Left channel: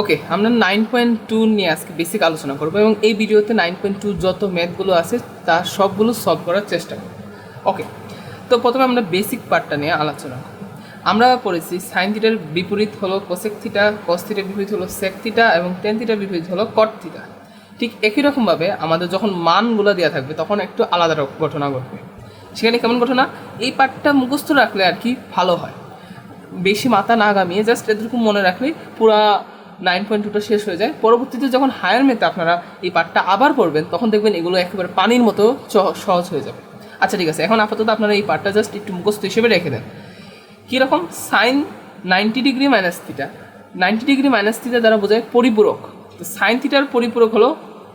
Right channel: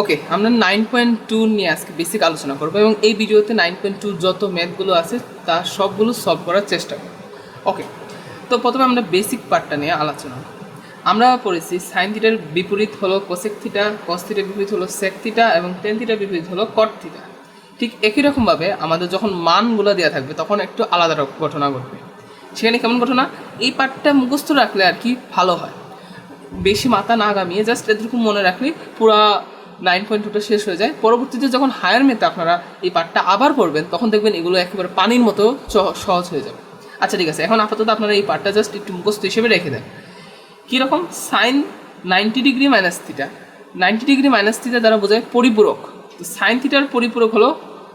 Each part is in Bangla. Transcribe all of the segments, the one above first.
ওকে, আমরা 9.2 নিয়ে আজকে বেসিক আলোচনা করবো এবং এই ভিডিওতে 9.2 যত ম্যাথগুলো আছে তা সবগুলো সলভ করার চেষ্টা করব। ওকে, তো প্রথমে আমরা বেসিক পার্টটা নিয়ে আলোচনা করব। আমরা পড়েছি সাইন থিটার বিপরীত হলো কোসেক থিটা, কস থিটার বিপরীত হলো সেক থিটা এবং টেন থিটার বিপরীত হলো কট থিটা। ঠিক একই রকমভাবে আমাদের যখন মানগুলো দেওয়া থাকবে তখন একটু আলাদা ঘটনা ঘটবে। সেখানে কেমন ঘটনা, এই পার্টটা মুখস্থ রাখলে আর কি ভালো হয়, বেশি মাথা না গামিয়ে জাস্ট এরকম মনে রাখলেই পুরা 9.2টা শেষ হয়ে যায়। পরবর্তীতে যখন হায়ার মেতে আপনারা এই পার্টটা আবার পড়বেন তখন দেখবেন এগুলো একেবারে পানির মতো সহজ হয়ে যাবে। আচ্ছা ঠিক আছে, এখন আপাতত আপনারা এই পার্টটা জাস্ট একটু মুখস্থ হিসেবে রেখে দেন। কীরকম, sine 90 degree minus theta, 90 degree minus theta দ্বারা বোঝায় পরিপূরক। তো সাইন থিটার পরিপূরক হলো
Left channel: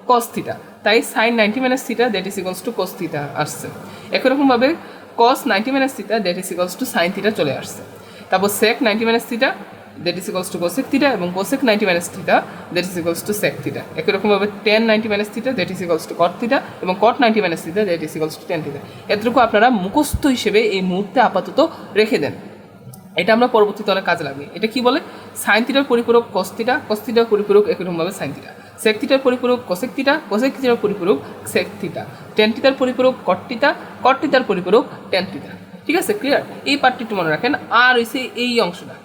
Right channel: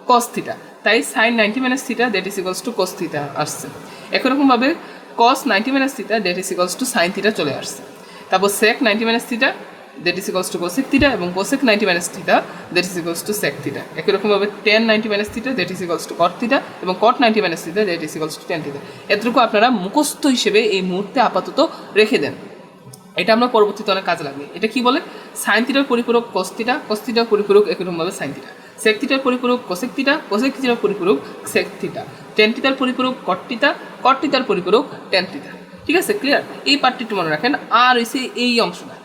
কস থিটা, তাই sine 90 minus theta that is equals to cos theta আসছে। একই রকমভাবে cos 90 minus theta that is equals to sine theta চলে আসছে। তারপর sec 90 minus theta that is equals to cosec theta এবং cosec 90 minus theta that is equals to sec theta. একই রকমভাবে ten 90 minus theta that is equals two caught theta এবং কট 90 minus theta that is equals two tan theta. এতটুকু আপনারা মুখস্থ হিসেবে এই মুহূর্তে আপাতত রেখে দেন, এটা আমরা পরবর্তীতে অনেক কাজে লাগবে। এটা কি বলে, সাইন থিটার পরিপূরক কস থিটা, কস থিটার পরিপূরক একইরকমভাবে সাইন থিটা, সেক থিটার পরিপূরক কোসেক থিটা, কোসেক থিটার পরিপূরক সেক থিটা, টেন থিটার পরিপূরক কট থিটা, কট থিটার পরিপূরক টেন থিটা। ঠিক আছে, ক্লিয়ার? এই পার্টটি একটু মনে রাখেন। আর হচ্ছে এই অংশটা,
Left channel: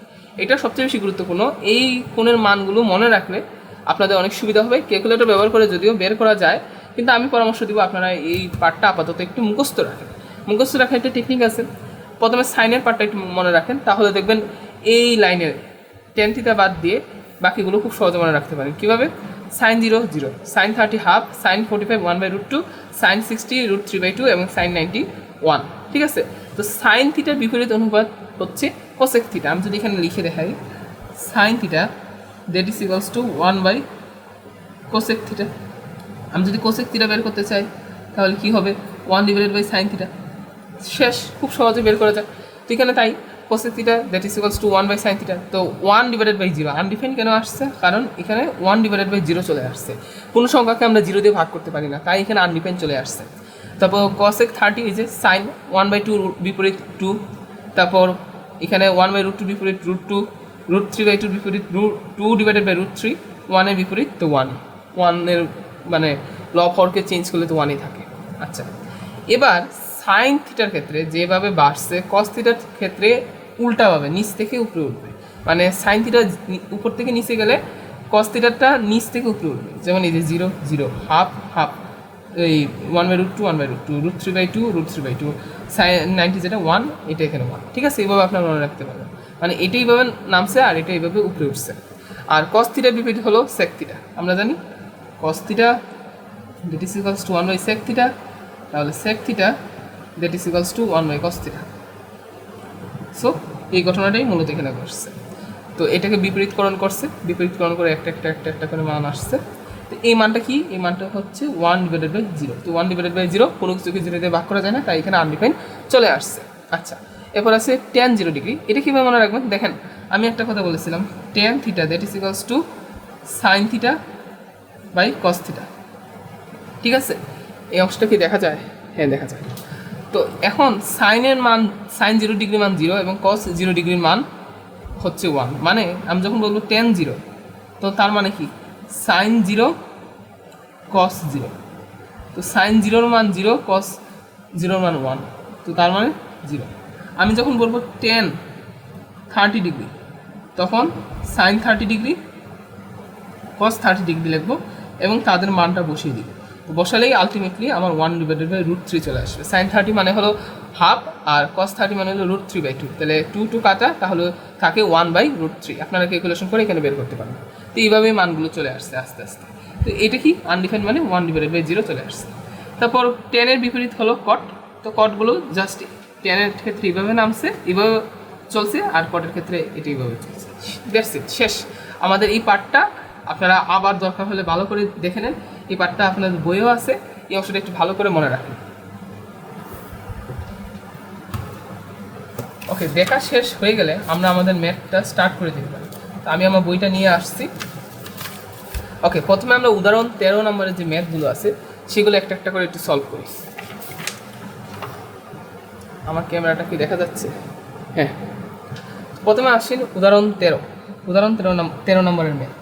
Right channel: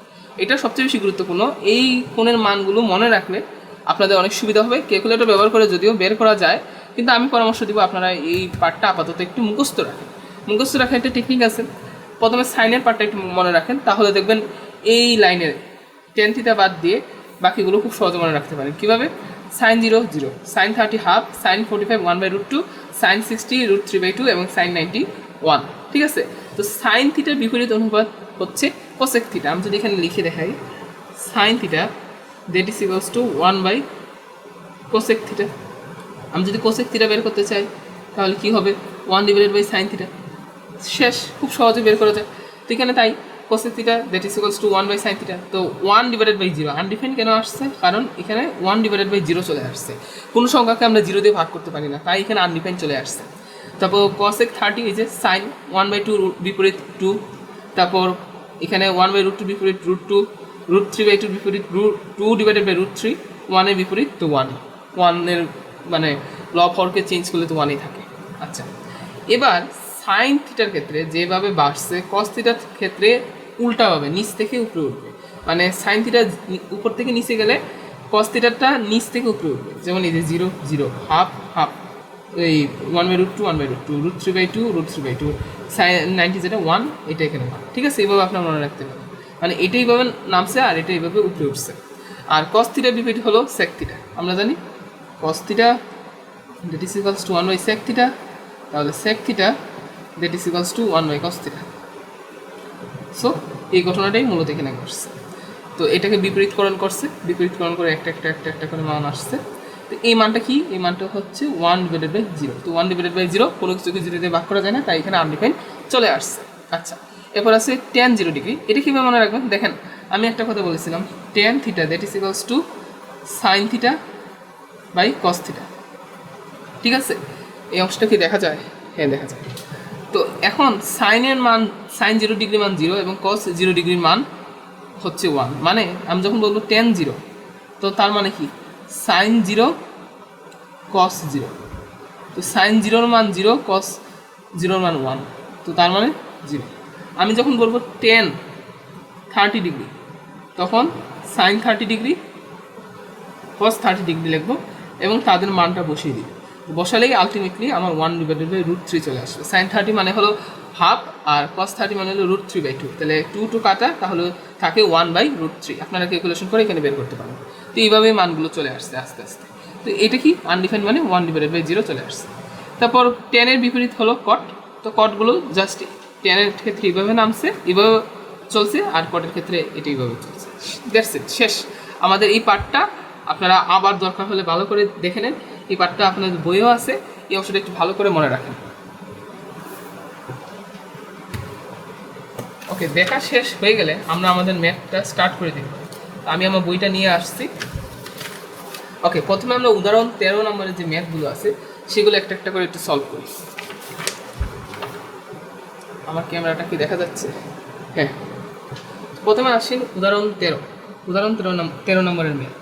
এটা সবচেয়ে বেশি গুরুত্বপূর্ণ। এই কোণের মানগুলো মনে রাখলে আপনাদের অনেক সুবিধা হবে। ক্যালকুলেটর ব্যবহার করে যদিও বের করা যায়, কিন্তু আমি পরামর্শ দিব আপনারা এই পার্টটা আপাতত একটু মুখস্থ রাখেন। মুখস্থ রাখার একটা টেকনিক আছে। প্রথমে সাইনের পার্টটা একটু মনে রাখেন, তাহলে দেখবেন এই লাইনের টেন থিটা বাদ দিয়ে বাকিগুলো খুব সহজে মনে রাখতে পারেন। কীভাবে, sine 0 0, sine 30 half, sine 45 1/√2, sine 60 √3/2 এবং সাইন 90 1। ঠিক আছে, তো সাইন থিটার বিপরীত অনুপাত হচ্ছে কোসেক থিটা। আমি যদি এখানে লিখে দেখাই, sine theta that is equals to cosec theta. আমি যদি কোসেক থিটা বের করতে চাই তাহলে কী হবে, 1/সাইন থিটা। শেষ, খুব সহজে বের করা যায়। তো এখানে তাই cosec theta that is equals to sine theta. তো 1/0 আনডিফাইন কেন আসছে, কারণ এখানে 1/0 চলে আসছে। কোনো সংখ্যাকে আমরা 0 দিয়ে ভাগ করতে পারি না, তাই এখানে আনডিফাইন চলে আসছে। তারপর কোসেক 30 হয়েছে সাইন 1/2 বিপরীত 2, তারপর এখানে 1/√2 বিপরীত √2, √3/2 বিপরীত 2/√3, 1-এর বিপরীত তো 1-এর মানে লব হরকে চেঞ্জ করলে তো 1-ই থাকে। আচ্ছা, এবার সাইন থিটার ক্ষেত্রে যেভাবে বাড়ছে, কস থিটার ক্ষেত্রে উল্টাভাবে নিচ থেকে উপরে উঠবে। মানে সাইন থিটা উপর থেকে নিচে গেলে কস থিটারটা নিচ থেকে উপরে উঠবে। যেমন এই যে 0 0, হাফ হাফ, এই 1/√2 1/2, √3/2 √3/2, সাইন 90 যেটা 1, এটা এখানে 1। ঠিক আছে, এইভাবে আপনারা মনে রাখতে পারবেন। মানে এটা এইভাবে নামছে আর এটা এইভাবে উপরে উঠছে। আর কস থিটার বিপরীত হলো সেক থিটা। আমরা জানি cos theta that is equals to sec theta, তাহলে sec theta that is equals to cos theta. So এই ঘটনাটাই মূলত এখানে ঘটছে। তো এটাকে বিপরীতকরণ করছে, বিপরীতকরণ করে একটা একটা একটা একটা করে মান আসছে। তো এই মানটা কি, এই মানটা হচ্ছে 1/0। তো 1/0 কোনো কিছুকে 0 দিয়ে ভাগ করা যায় না, তাই এখানে আনডিফাইন চলে আসছে। আচ্ছা, এরপর আছে tan 0 ডিগ্রি। এটা কীভাবে মনে রাখবেন, দেখেন আমি একটা কথা বলেছিলাম, tan theta that is equals to sine theta by cos theta. ঠিক আছে, এই অংশটা কি দেখা যায়? হ্যাঁ, দেখা যায়। তো এখন সাইনের মান, সাইন 0 ডিগ্রি মান 0 এবং কস 0 ডিগ্রির মান হচ্ছে 1। মানে আমি যখন বলবো tan 0, তো তার মানে কি, সাইন 0 কস 0। তো সাইন 0-র মান 0, কস 0-র মান 1, তো তার মানে 0। আমি যখন বলবো tan 30 ডিগ্রি, তখন সাইন 30 ডিগ্রি কস 30 ডিগ্রি লিখবো এবং তাদের মানটা বসিয়ে দিব। বসালেই আলটিমেটলি আমার 1/√3 চলে আসবে। সাইন 30 মানে হলো হাফ আর কস 30 মানে হলো √3/2, তাহলে 2 কাটা, তাহলে থাকে 1/√3। আপনারা ক্যালকুলেশন করে এখানে বের করতে পারেন। তো এইভাবেই মানগুলো চলে আসছে আস্তে আস্তে। তো এটা কি, আনডিফাইন মানে 1/0 চলে আসছে। তারপর টেনের বিপরীত হলো কট। তো কটগুলো জাস্ট টেনের ক্ষেত্রে এইভাবে নামছে, এইভাবে চলছে, আর কটের ক্ষেত্রে এটা এইভাবে চলছে। দ্যাটস ইট, শেষ আমাদের এই পার্টটা। আপনারা আবার দরকার হলে ভালো করে দেখে নেন, এই পার্টটা আপনাদের বইও আছে, এই অংশটা একটু ভালো করে মনে রাখেন। ওকে, দেখা শেষ হয়ে গেলে আমরা আমাদের ম্যাথটা স্টার্ট করে দেখব। আমি আমার বইটা নিয়ে আসছি। ওকে, প্রথমে আমরা উদাহরণ 13 নম্বরের যে ম্যাথগুলো আছে সেগুলো একটা একটা করে একটু সলভ করি। আমার ক্যামেরাটা কি দেখা যাচ্ছে? হ্যাঁ, প্রথমে আসি উদাহরণ 13 নম্বরের ম্যাথ।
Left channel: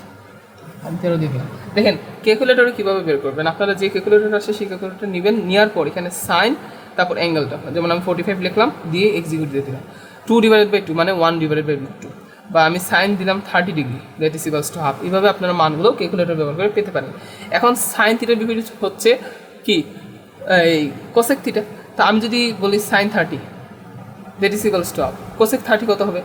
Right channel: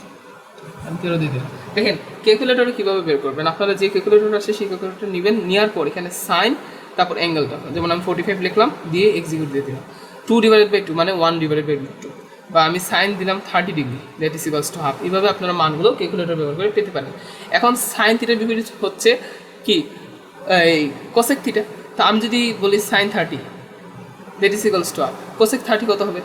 আমি 13 দিয়ে দিলাম। দেখেন ক্যালকুলেটরে কীভাবে বের করবেন, আপনারা যে ক্যালকুলেটর আসে সেই ক্যালকুলেটর নেবেন, নেওয়ার পর এখানে সাইন তারপর অ্যাঙ্গেলটা, যেমন আমি 45 লিখলাম দিয়ে এক্সিকিউট দিয়ে দিলাম, 2/2 মানে 1/2, বা আমি সাইন দিলাম 30 degree, that is equals to half. এইভাবে আপনারা মানগুলো ক্যালকুলেটর ব্যবহার করে পেতে পারেন। এখন সাইন থিটার বিপরীত হচ্ছে কি এই কোসেক থিটা। তা আমি যদি বলি sine 30, that is equals to half. Cosec 30 কত হবে?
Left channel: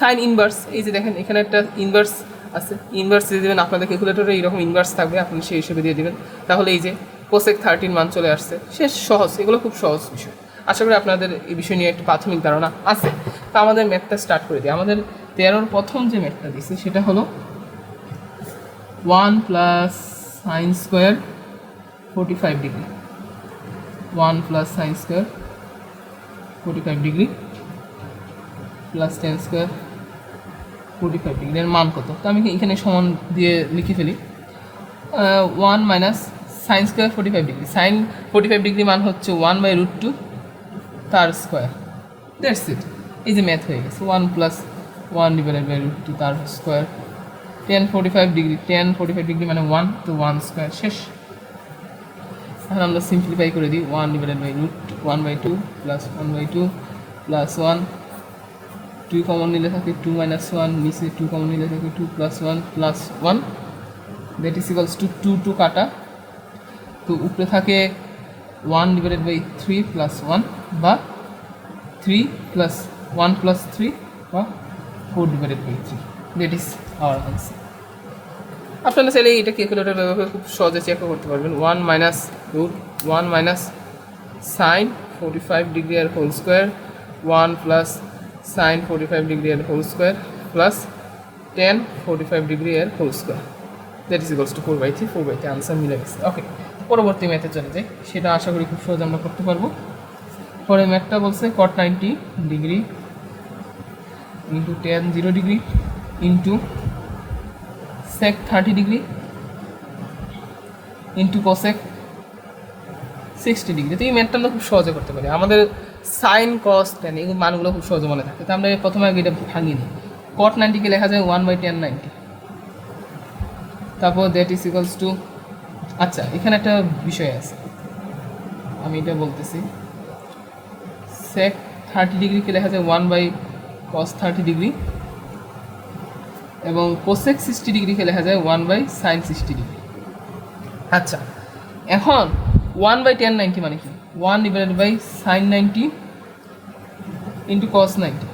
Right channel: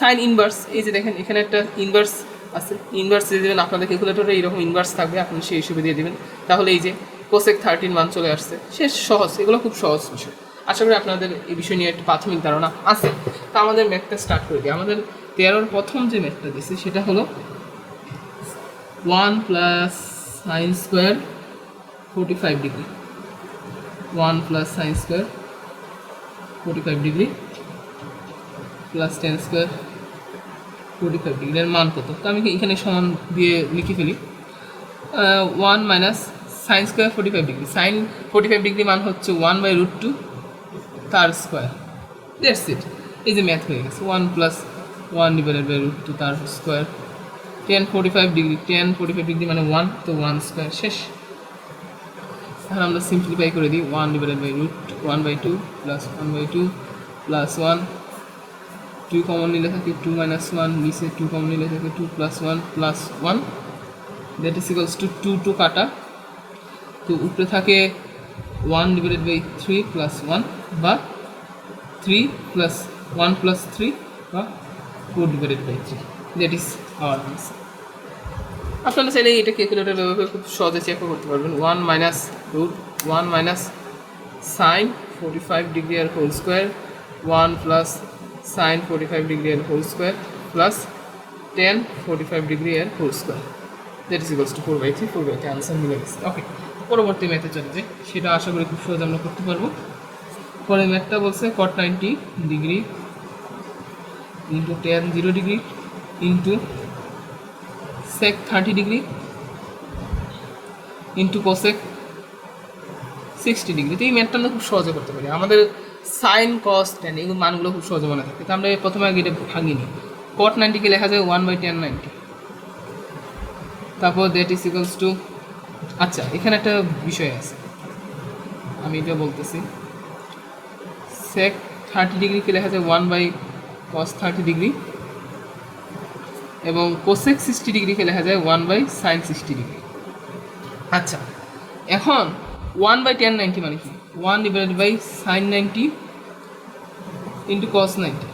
সাইন ইনভার্স, এই যে দেখেন এখানে একটা ইনভার্স আছে, ইনভার্স দিয়ে দেবেন, আপনাদের ক্যালকুলেটরে এইরকম ইনভার্স থাকবে, আপনি সেই হিসেবে দিয়ে দেবেন, তাহলে এই যে কোসেক 30 মান চলে আসছে। শেষ, সহজ, এগুলো খুব সহজ বিষয়। আশা করি আপনাদের এই বিষয় নিয়ে একটা প্রাথমিক ধারণা আছে। তা আমাদের ম্যাথটা স্টার্ট করে দিই। আমাদের 13 প্রথম যে ম্যাথটা দিচ্ছে সেটা হলো 1 plus sign square 45 degree, 1 plus sign square 45 degree plus tan square 45 degree এর মান কত? তো আমি এখানে সমান দিয়ে লিখে ফেলি, 1 minus sine square 45 degree, sine 45 degree মান হচ্ছে 1/√2 তার স্কোয়ার, দ্যাটস ইট। এই যে ম্যাথ হয়ে গেছে, 1 প্লাস 1/√2 তার স্কোয়ার, 45 ডিগ্রি, 45 ডিগ্রি মানে 1, তো 1 স্কোয়ার, শেষ। তাহলে আমরা সিম্পলিফাই করে দিই, 1/√1/2 প্লাস 1/2 প্লাস 1, 2 কমন নিলে থাকে 2 মাইনাস 1, নিচে 2 কমন নিলে থাকে 2 plus 1 plus 1, that is equals to 2 কাটা, তো উপরে থাকে 1/3 প্লাস 1 বা 3 প্লাস 1 প্লাস 3 বা 4/3, দ্যাট ইজ আওয়ার আনসার। আপনারা চাইলে এটা ক্যালকুলেটর ব্যবহার খুব সহজে চেক করতে পারবেন। 1 মাইনাস সাইন 45 ডিগ্রি আর whole square, 1 plus sine 45 degree এর হোল স্কোয়ার প্লাস 10 45 ডিগ্রি এর whole square, that is equals to 4/3, 4/3 answer মিলে গেছে। ওকে, পরবর্তী ম্যাথে চলে যাই, সেটা আশা করি খুব সহজে আমরা করতে পারবো। পরে ম্যাথটা বলছে cot 90 degree into tan 0 degree into sec 30 degree into cosec 60 degree. তো এই ম্যাথটা আমরা খুব সহজে করতে পারি, আমাদের সাইন কস ট্যান এই মানগুলো খুব সহজে মনে থাকে। তো আমরা প্রথমে আগে এটা ভাঙিয়ে নিই, cot 90কে লেখা যায় 1/tan 90, তারপর দ্যাট ইজ ইকুয়ালস টু, আচ্ছা এখানে একটা বিষয় আছে আমি এটা বলতেছি, sec 30 ডিগ্রিকে লেখা যায় 1/cos 30 ডিগ্রি এবং cosec 60 ডিগ্রিকে লেখা যায় 1/sin 60 ডিগ্রি। আচ্ছা এখন 1/tan 90 মানে কি? 1/sin 90 ইন্টু cos 90,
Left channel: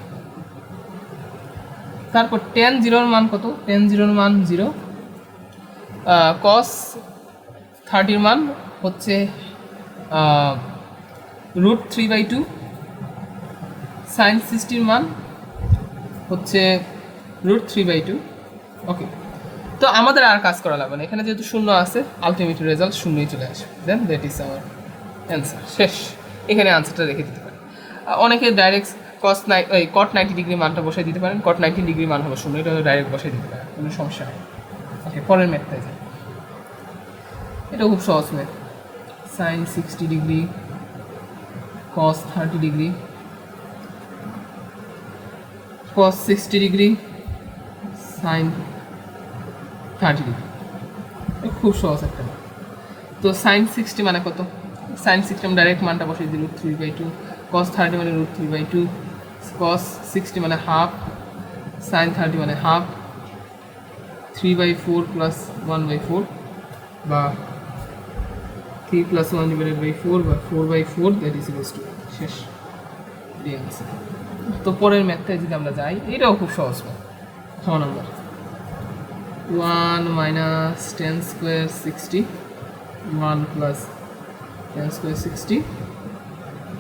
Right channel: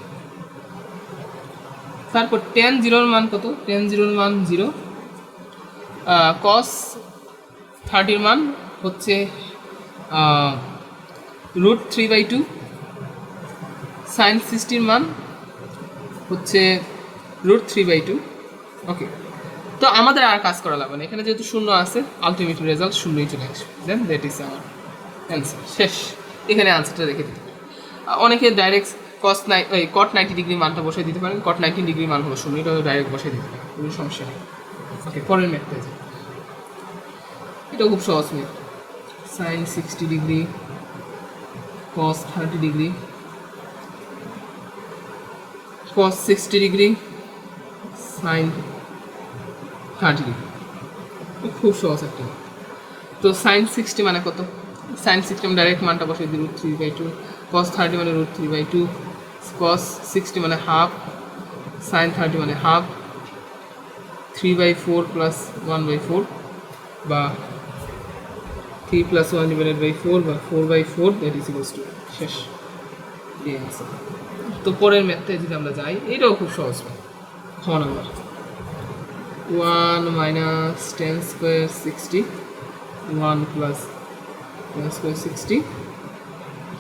তারপর tan 0 মান কত? tan 0 মান 0, cos 30 মান হচ্ছে √3/2, sin 60 মান হচ্ছে √3/2। ওকে, তো আমাদের আর কাজ করা লাগবে না, এখানে যেহেতু শূন্য আছে আলটিমেট রেজাল্ট শূন্যই চলে আসবে, দেন দ্যাট ইজ আমার অ্যান্সার, শেষ। এখানে আনসারটা রেখে দিতে পারেন। অনেকে ডাইরেক্ট cot 90 ডিগ্রি মানটা বসিয়ে দিতে পারেন, cot 90 ডিগ্রি মান হলো শূন্য, এটা ডাইরেক্ট বসিয়ে দিতে পারেন, কোনো সমস্যা নেই। ওকে, পরের ম্যাথটাই যায়, এটা খুব সহজ math, sin 60 degree cos 30 degree cos 60 degree sin 30 degree, খুব সহজ একটা ম্যাথ। তো sin 60 মানে কত? sin 60 আমি ডাইরেক্ট মানটা বসিয়ে দিই, √3/2, cos 30 মানে √3/2, cos 60 মানে হাফ, sin 30 মানে হাফ, 3/4 প্লাস 1/4 বা 3 প্লাস 1/4 বা 4/4, দ্যাট ইজ ইকুয়ালস টু, শেষ। তো পরের ম্যাথে যদি আমরা যাই, এটাও খুব সহজ ম্যাথ। খ number 1 minus tan square 60, 1 plus tan square 60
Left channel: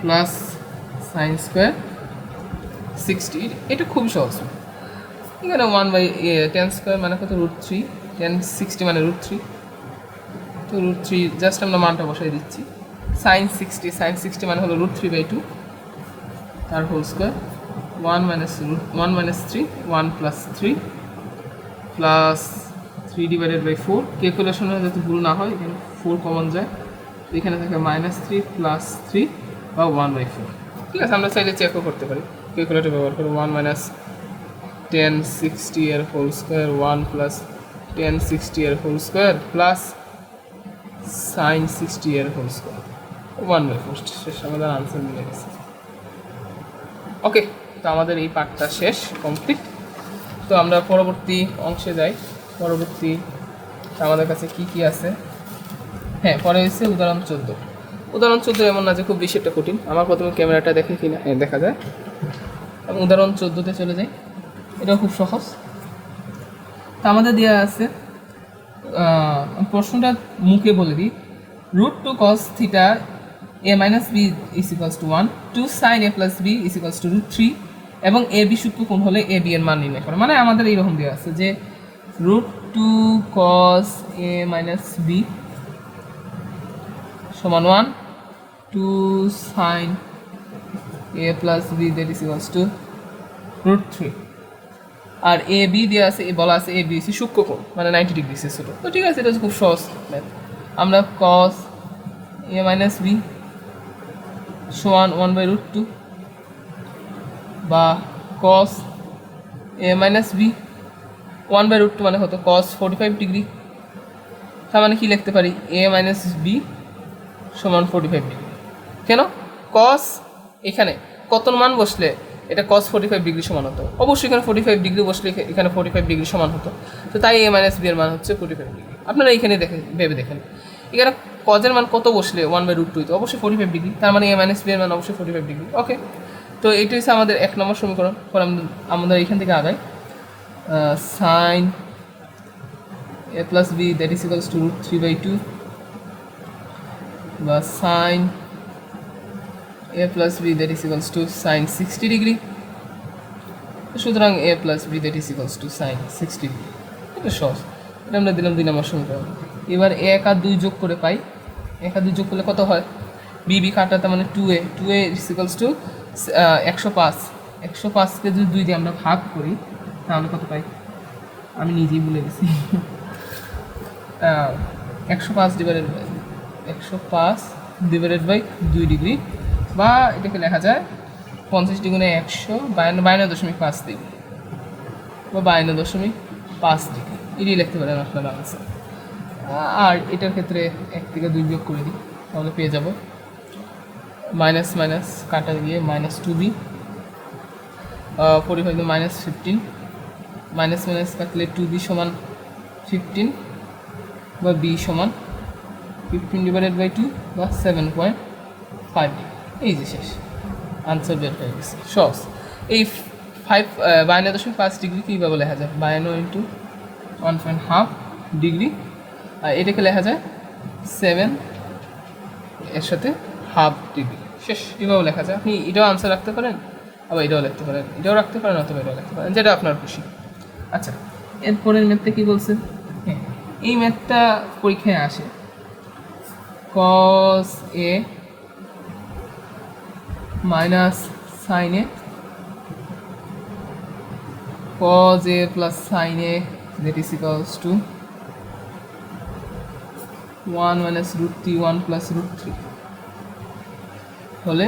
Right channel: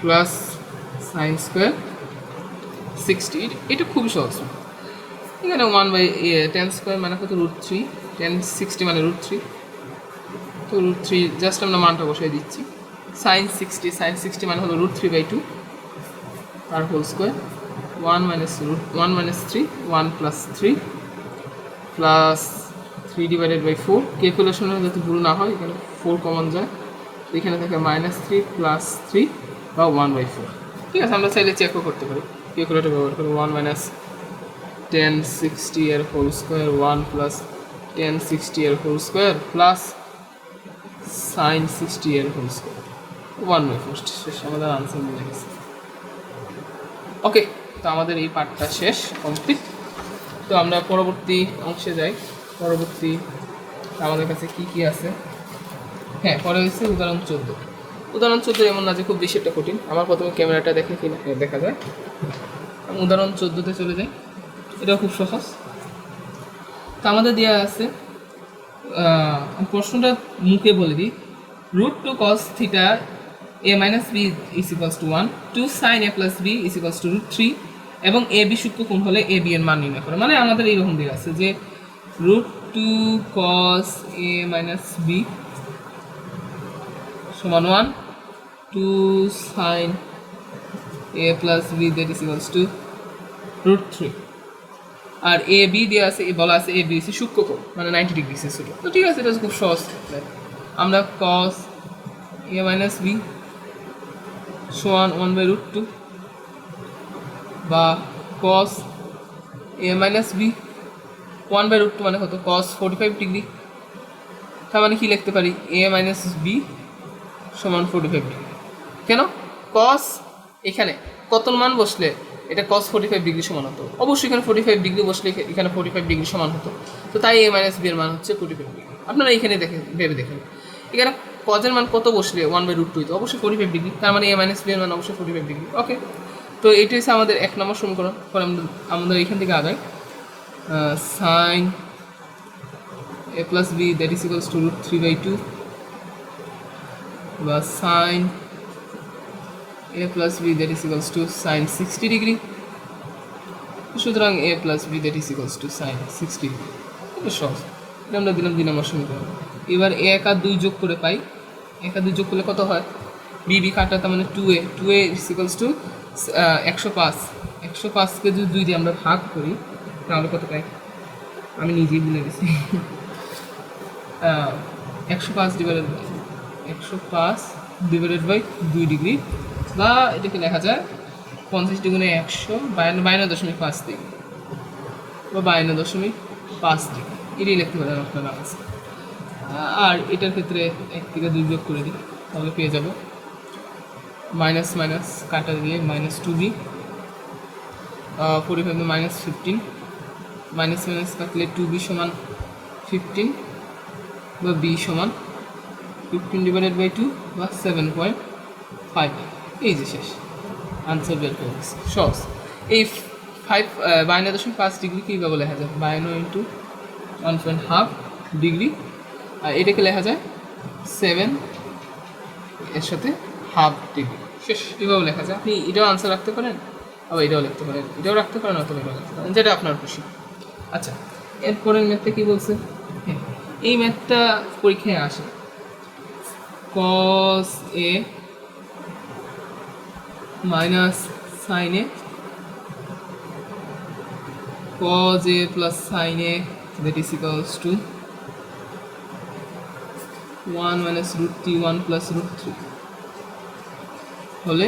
plus sine square 60, এটা খুবই সহজ। এখানে 1/tan স্কোয়ার মানে কত? √3, tan 60 মানে √3, তো √3 জাস্ট আমরা মানটা বসাই দিচ্ছি, sin 60 মানে হলো √3/2 তার whole square, 1 minus 3, 1 plus 3 plus 3/4, ক্যালকুলেশনে যাতে ভুল না হয় এখানে 4 কমন যায়, এখানে থাকে -3 প্লাস 3 বা 1/4। ঠিক আছে, আমরা চাইলে চেকও করতে পারি, ক্যালকুলেটর ব্যবহার করে 1 মাইনাস tan 60 এর হোল স্কোয়ার, 1 প্লাস টেন 60 এর হোল স্কোয়ার প্লাস সাইন 60 এর হোল স্কোয়ার 1/4 শেষ, আমাদের আনসার মিলে গেছে। ওকে, তো আমাদের এই পার্টটা শেষ, কমপ্লিট। তো আমরা পরবর্তী অংশে যাই। পরবর্তী আমাদের কাছে কি কি আছে? হ্যাঁ, পরে হয়েছে উদাহরণ 14। উদাহরণ 14 এমন না যে খুব বেশি একটা কঠিন। আমার প্রথমে ক্যামেরাটা দেখে কিনা দেখা যায়। আমি উদাহরণ 14তে চলে যাই। এটা খুব সহজ। তো আমাদের দেওয়া আছে, প্রশ্নটা মুখে বলে দিই, √2 cos theta a minus B is equals to 1, 2 sin a plus B is equals to √3 এবং এ বি সূক্ষ্ম কোণ হলে এ বি এর মান নির্ণয় করা। মানে আমাদের এইরকম দেওয়া আছে যে √2 cos a মাইনাস বি সমান 1, 2 sin a plus B that is equals to √3। আর এ বি দেওয়া আছে, বলা আছে এ বি হচ্ছে সূক্ষ্ম কোণ, মানে 90 ডিগ্রি ছিল। তো ঠিক আছে, এটা খুব সহজ। আমরা cos a মাইনাস বি সমান 1/√2 বা cos a মাইনাস বি 1/√2 মানে হতো cos 45 ডিগ্রি। তার মানে কি লিখতে পারি? a মাইনাস বি সমান 45 ডিগ্রি। কেন? cos এখানে কত মান বসলে এটা cos 45 ডিগ্রি সমান হতো? অবশ্যই এখানে 45 ডিগ্রি বসলে এখানে 45 ডিগ্রি সমান হতো। তো তাই a মাইনাস বি এর মান হচ্ছে 45 ডিগ্রি। আপনারা এখানে দেখেন, ভেবে দেখেন, এখানে cos এর মান কত বসলে 1/√2 তো অবশ্যই 45 ডিগ্রি, তার মানে a মাইনাস বি এর মান অবশ্যই 45 ডিগ্রি। ওকে, তো এটাই হচ্ছে আমাদের 1 নম্বর সমীকরণ। পরে আমাদের এখান থেকে আদায় sin a plus B that is equals to √3/2 বা sin a plus B that is equals to sin 60 degree. সুতরাং a plus B that is equals to sin 60 degree. এটা সহজ। এটা আমরা দিলাম 2 নম্বর সমীকরণ। এবার 1 আর 2 যোগ করে পাই। 1 আর 2 যোগ করলে কত হয়? বি বি কাটা, তার মানে 2a ইজ ইকুয়ালস টু 105। 105কে যদি 2 দিয়ে আমরা ভাগ করি তাহলে কত পাই? আমি নিজেই ভুলে গেছি। 105 ডিভাইডেড বাই 2 ডিগ্রি, বা এটাকে লেখা যায় 50 ডিগ্রি 152.5 ডিগ্রি বা 52.5 ডিগ্রি। এটাই লিখতে পারেন আপনারা আছে। আর এটার ক্ষেত্রে 1 থেকে 2 বিয়োগ করে দিই, তাহলে পেয়ে যাব মাইনাস মাইনাস কাটা দিয়ে -2b 45 -15, মাইনাস মাইনাস কাটলে 2b সমান 15 বা b সমান 15 ডিভাইডেড বাই 2 বা 7.5। এই যে শেষ, আনসার বের হয়ে গেছে। সহজ। এই 52.5 ডিগ্রি কীভাবে লেখা যায়? 52 ইন্টু 1.5 ডিগ্রি, আর এটাকে লেখা যায় 7 এর সাথে হাফ ডিগ্রি। শেষ, এভাবে লেখা যায়। আপনি এটাও আনসার রাখতে পারেন, আবার এটাও লিখতে পারেন, এটাও রাখতে পারেন, অথবা এটাও লিখতে পারেন, যেটা আপনার খুশি। আচ্ছা, এরপরের ম্যাথটা কী বলছে? হ্যাঁ, এই ম্যাথটা পরীক্ষায় আসে। cos a minus sin a cos a plus sin a that is equals to 1 minus √3 1 plus √3 হলে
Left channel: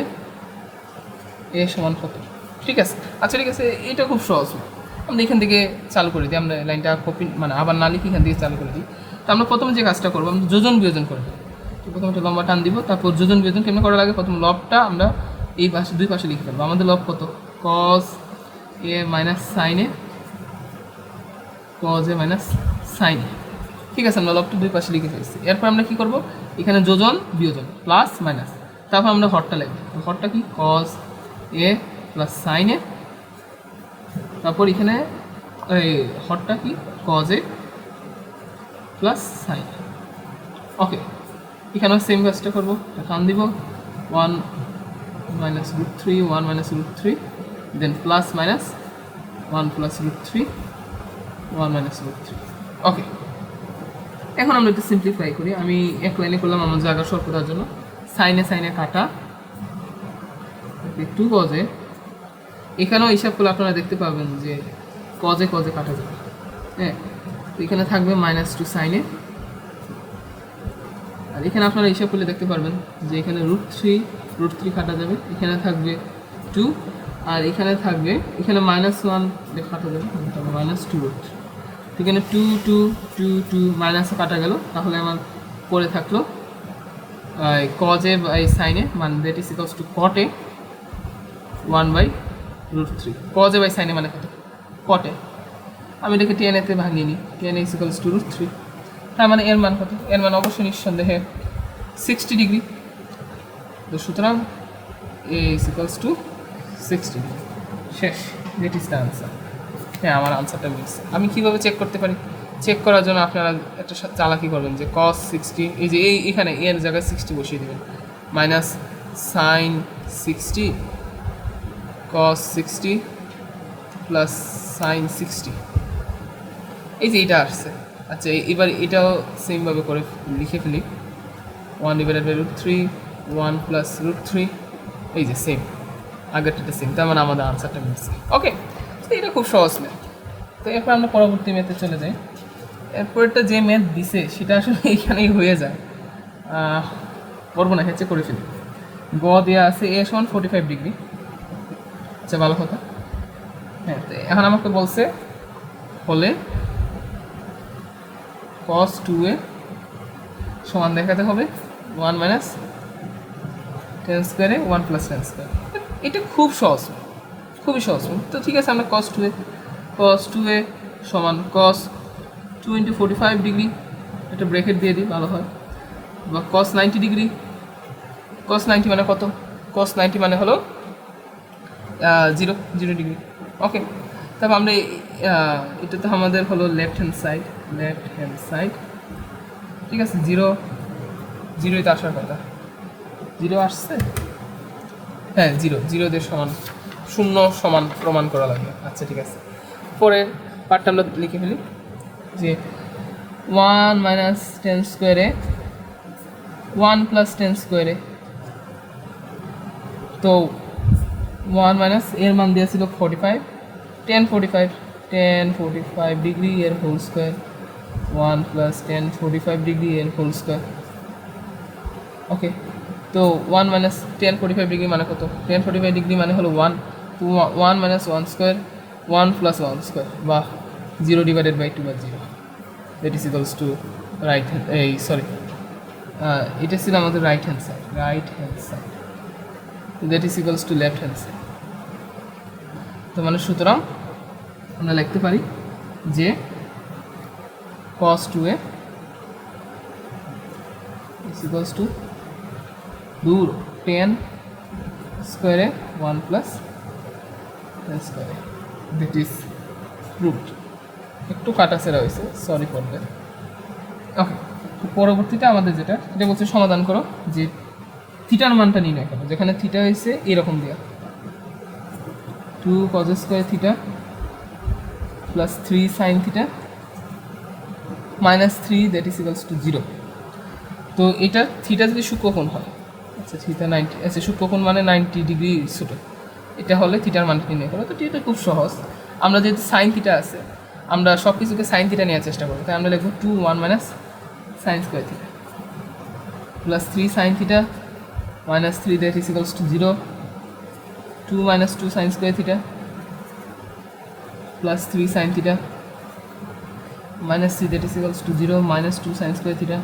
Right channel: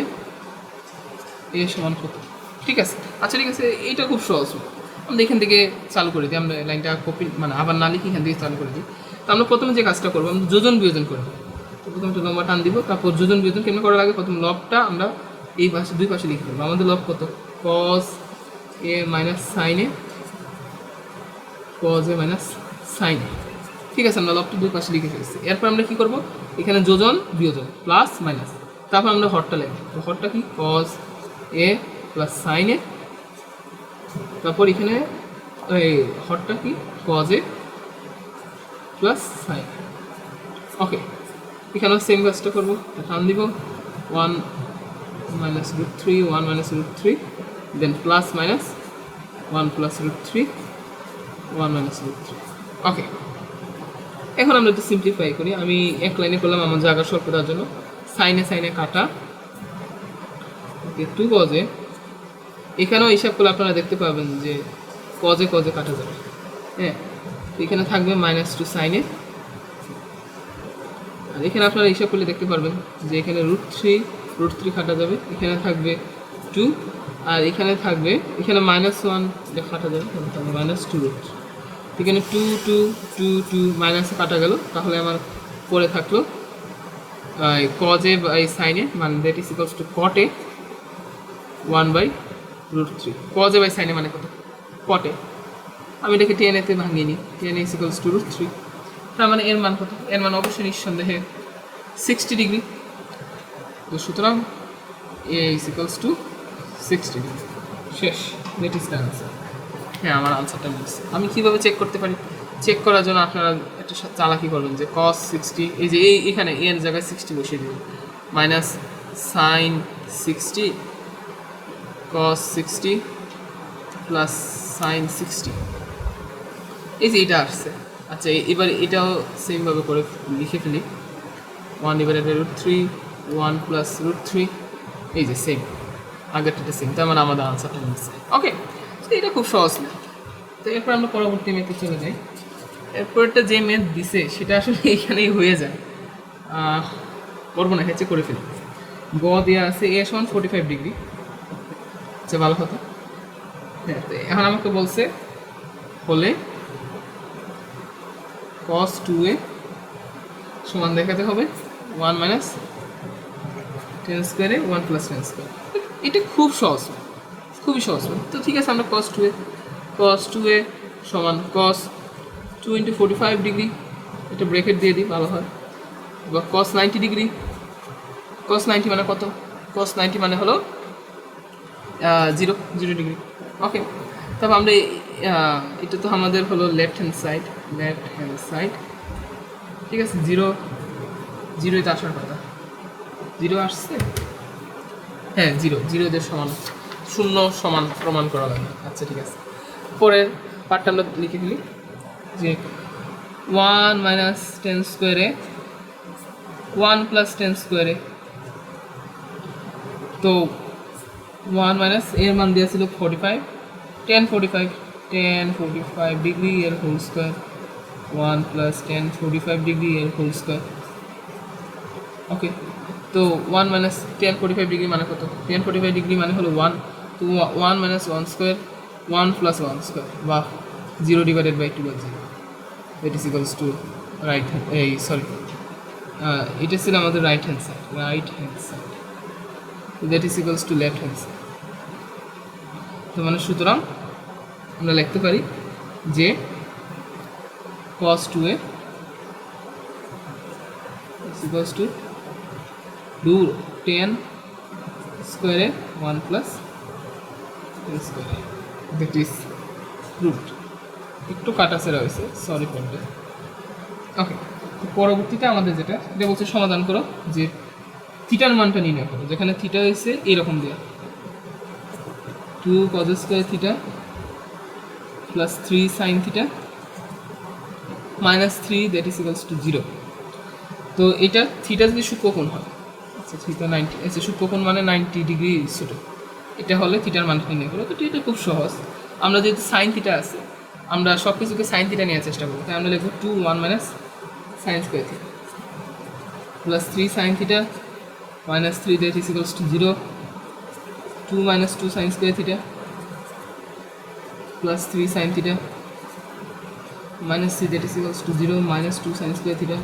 a সমান কত? ঠিক আছে। আচ্ছা, ঠিক আছে, এইটা খুব সহজ। আমরা এখান থেকে চালু করে দিই। আমরা লাইনটা কপি মানে আবার না লিখে এখান থেকে চালু করে দিই। তো আমরা প্রথমে যে কাজটা করবো, আমরা যোজন বিয়োজন করব। তো প্রথমে একটা লম্বা টান দিব, তারপর যোজন বিয়োজন কেমন করা লাগে? প্রথম লবটা আমরা এই পাশে, দুই পাশে লিখে ফেলবো। আমাদের লব কত? cos a minus sin a, cos a minus sin a। ঠিক আছে, আমরা লবটা দুই পাশে লিখে ফেলছি। এরপর আমরা কী করবো? এখানে যোজন বিয়োজন প্লাস মাইনাস, তারপর আমরা হরটা লিখব। তো হরটা কি? cos a plus sin a, তারপর এখানে এই হরটা কি? cos a plus sin a। ওকে, এখানেও সেম কাজটা করবো। টান দিব 1 minus √3 1 minus √3, then plus minus 1 plus √3 1 minus √3। ওকে, এখন আমরা এটা সিম্পলিফাই করি। আমি এক লাইনে করলাম আমার জায়গা স্বল্পতার জন্য। সাইনে সাইনে কাটা, একটু কজে, এখানেও হিসাব করলে আপনারা দেখতে পাবেন যে কজে কজে কাটা যাবে। হ্যাঁ, এখানে থাকবে -2 সাইনে, আর এখানে আপনারা হিসাব করলে দেখতে পারবেন যে এখানে √3 কাটা যাবে, এখানে থাকবে 2, আর এখানে থাকবে, এখানে -1 কাটা যাবে, তাহলে -2 √3। এখানে 2 2 2 2 মাইনাসে কাটা গেল, তাহলে আমার পরে থাকলো cos a by sin a, মানে that is equals to cot a 1/√3। cos a by sin a মানে কত? cot a। আমি এটাকে টেন এতে ভাঙিয়ে নিই, টেন ইজ ইকুয়ালস টু √3। তার মানে এর মান কত? এর মান অবশ্যই নিঃসন্দেহে 60 ডিগ্রি। তো সুতরাং এ ইজ ইকুয়ালস টু 60 ডিগ্রি। শেষ, দ্যাট ইজ দ্য আনসার। হ্যাঁ, আমার আনসারটা মিলছে। আমি কীভাবে চেক করতে পারি? চেক করার জন্য আপনারা একটা চালাকি করবেন যে cos 60, এই যে এখানে এর জায়গায় 60 বসিয়ে দেবেন, minus sin 60 cos 60 plus sin 60, এই যে এটা আসছে। আচ্ছা, এবার এটাও সেমভাবে করে লিখে ফেলি, 1/√3 1 প্লাস √3, এই যে সেম, আগেরটা সেম। তার মানে আমাদের আনসারটা মিলছে। ওকে, এটা খুব সহজ ম্যাথ। তো এরপর আমরা পরবর্তী ম্যাথে চলে যাই। এরপরটা যে ম্যাথ দিছে সেটা আসলে এইখানেই হয়ে যায়, করবো না, হেঁচে করে ফেলি। গ দেওয়া আছে a সমান 45 ডিগ্রি। আচ্ছা, ভালো কথা। হ্যাঁ, তো এখন আমাকে বলছে হলে cos 2a সমান দেখাতে হবে 1 মাইনাস টেন স্কোয়ারে 1 প্লাস টেন স্কোয়ার। এটা খুব সহজ, খুবই সহজ। তো ঠিক আছে, আমরা cos 2a সমান cos 2 × 45 ডিগ্রি, এটা ব্রেকেট দিয়ে দিই, ভালো হয়। বা cos 90 ডিগ্রি, cos 90 মানে কত? cos 90 মানে হলো 0 ডিগ্রি। ওকে, তারপর আমরা এটা তো আমাদের হলো লেফট হ্যান্ড সাইড, ঠিক আছে। 0ই তো আসার কথা, 0 আসছে। হ্যাঁ, 0 দিয়ে সমান, 0 সমান প্রমাণ করা লাগবে। আচ্ছা, ঠিক আছে। পরের পার্টটা আমরা লিখে ফেলি যে 1 মাইনাস টেন স্কোয়ারে 1 প্লাস টেন স্কোয়ারে, তো 1 মাইনাস এর মান দেওয়া ছিল 45, 10 ডিগ্রি এর হোল স্কোয়ার, 1 প্লাস 10 ডিগ্রি এর হোল স্কোয়ার। ওকে, তো 1 মাইনাস 10 ডিগ্রি মানে কত? 10 ডিগ্রি মানে হলো 1, তো 1 মাইনাস 1 স্কোয়ার, 1 প্লাস 1 স্কোয়ার, বা 0 ডিভাইডেড বাই 2 বা 0, that is equals two right hand, এটা ছিল আমাদের right hand side, that is equals to left hand side. তো মানে সুতরাং আমরা লিখতে পারি যে cos 2a is equals to 10 স্কোয়ারে 1 প্লাস 10 স্কোয়ারে, দ্যাট ইজ প্রুভড। একটু কাটাছেড়া হয়েছে, সরি ফর দ্যাট। ওকে, তো পরবর্তীতে আমাদের যেটা বলছে সমাধান করো যে থিটার মানটা নির্ণয় করো, যেখানে থিটা হয়েছে এরকম দেওয়া 2 cos square theta plus 3 sin theta minus 3, that is equals to 0। তো এটা থিটা যদি সূক্ষ্মকোণ হয়, আচ্ছা থিটা 90, আচ্ছা সূক্ষ্মকোণ মানে 90 ডিগ্রি ছোটো, এটা হলে থিটার মানটা নির্ণয় করো। তো এটা খুব সহজ। আমরা যেহেতু সাইন থিটা আছে, আমরা সব কিছুকে সাইন থিটা নেওয়ার চেষ্টা করবো, তাই আমরা লিখবো 2 1 minus sine square theta plus 3 sine theta minus 3, that is equals to 0, 2 minus 2 sign square theta plus 3 sine theta minus 3, that is equals to 0, minus 2 sign square theta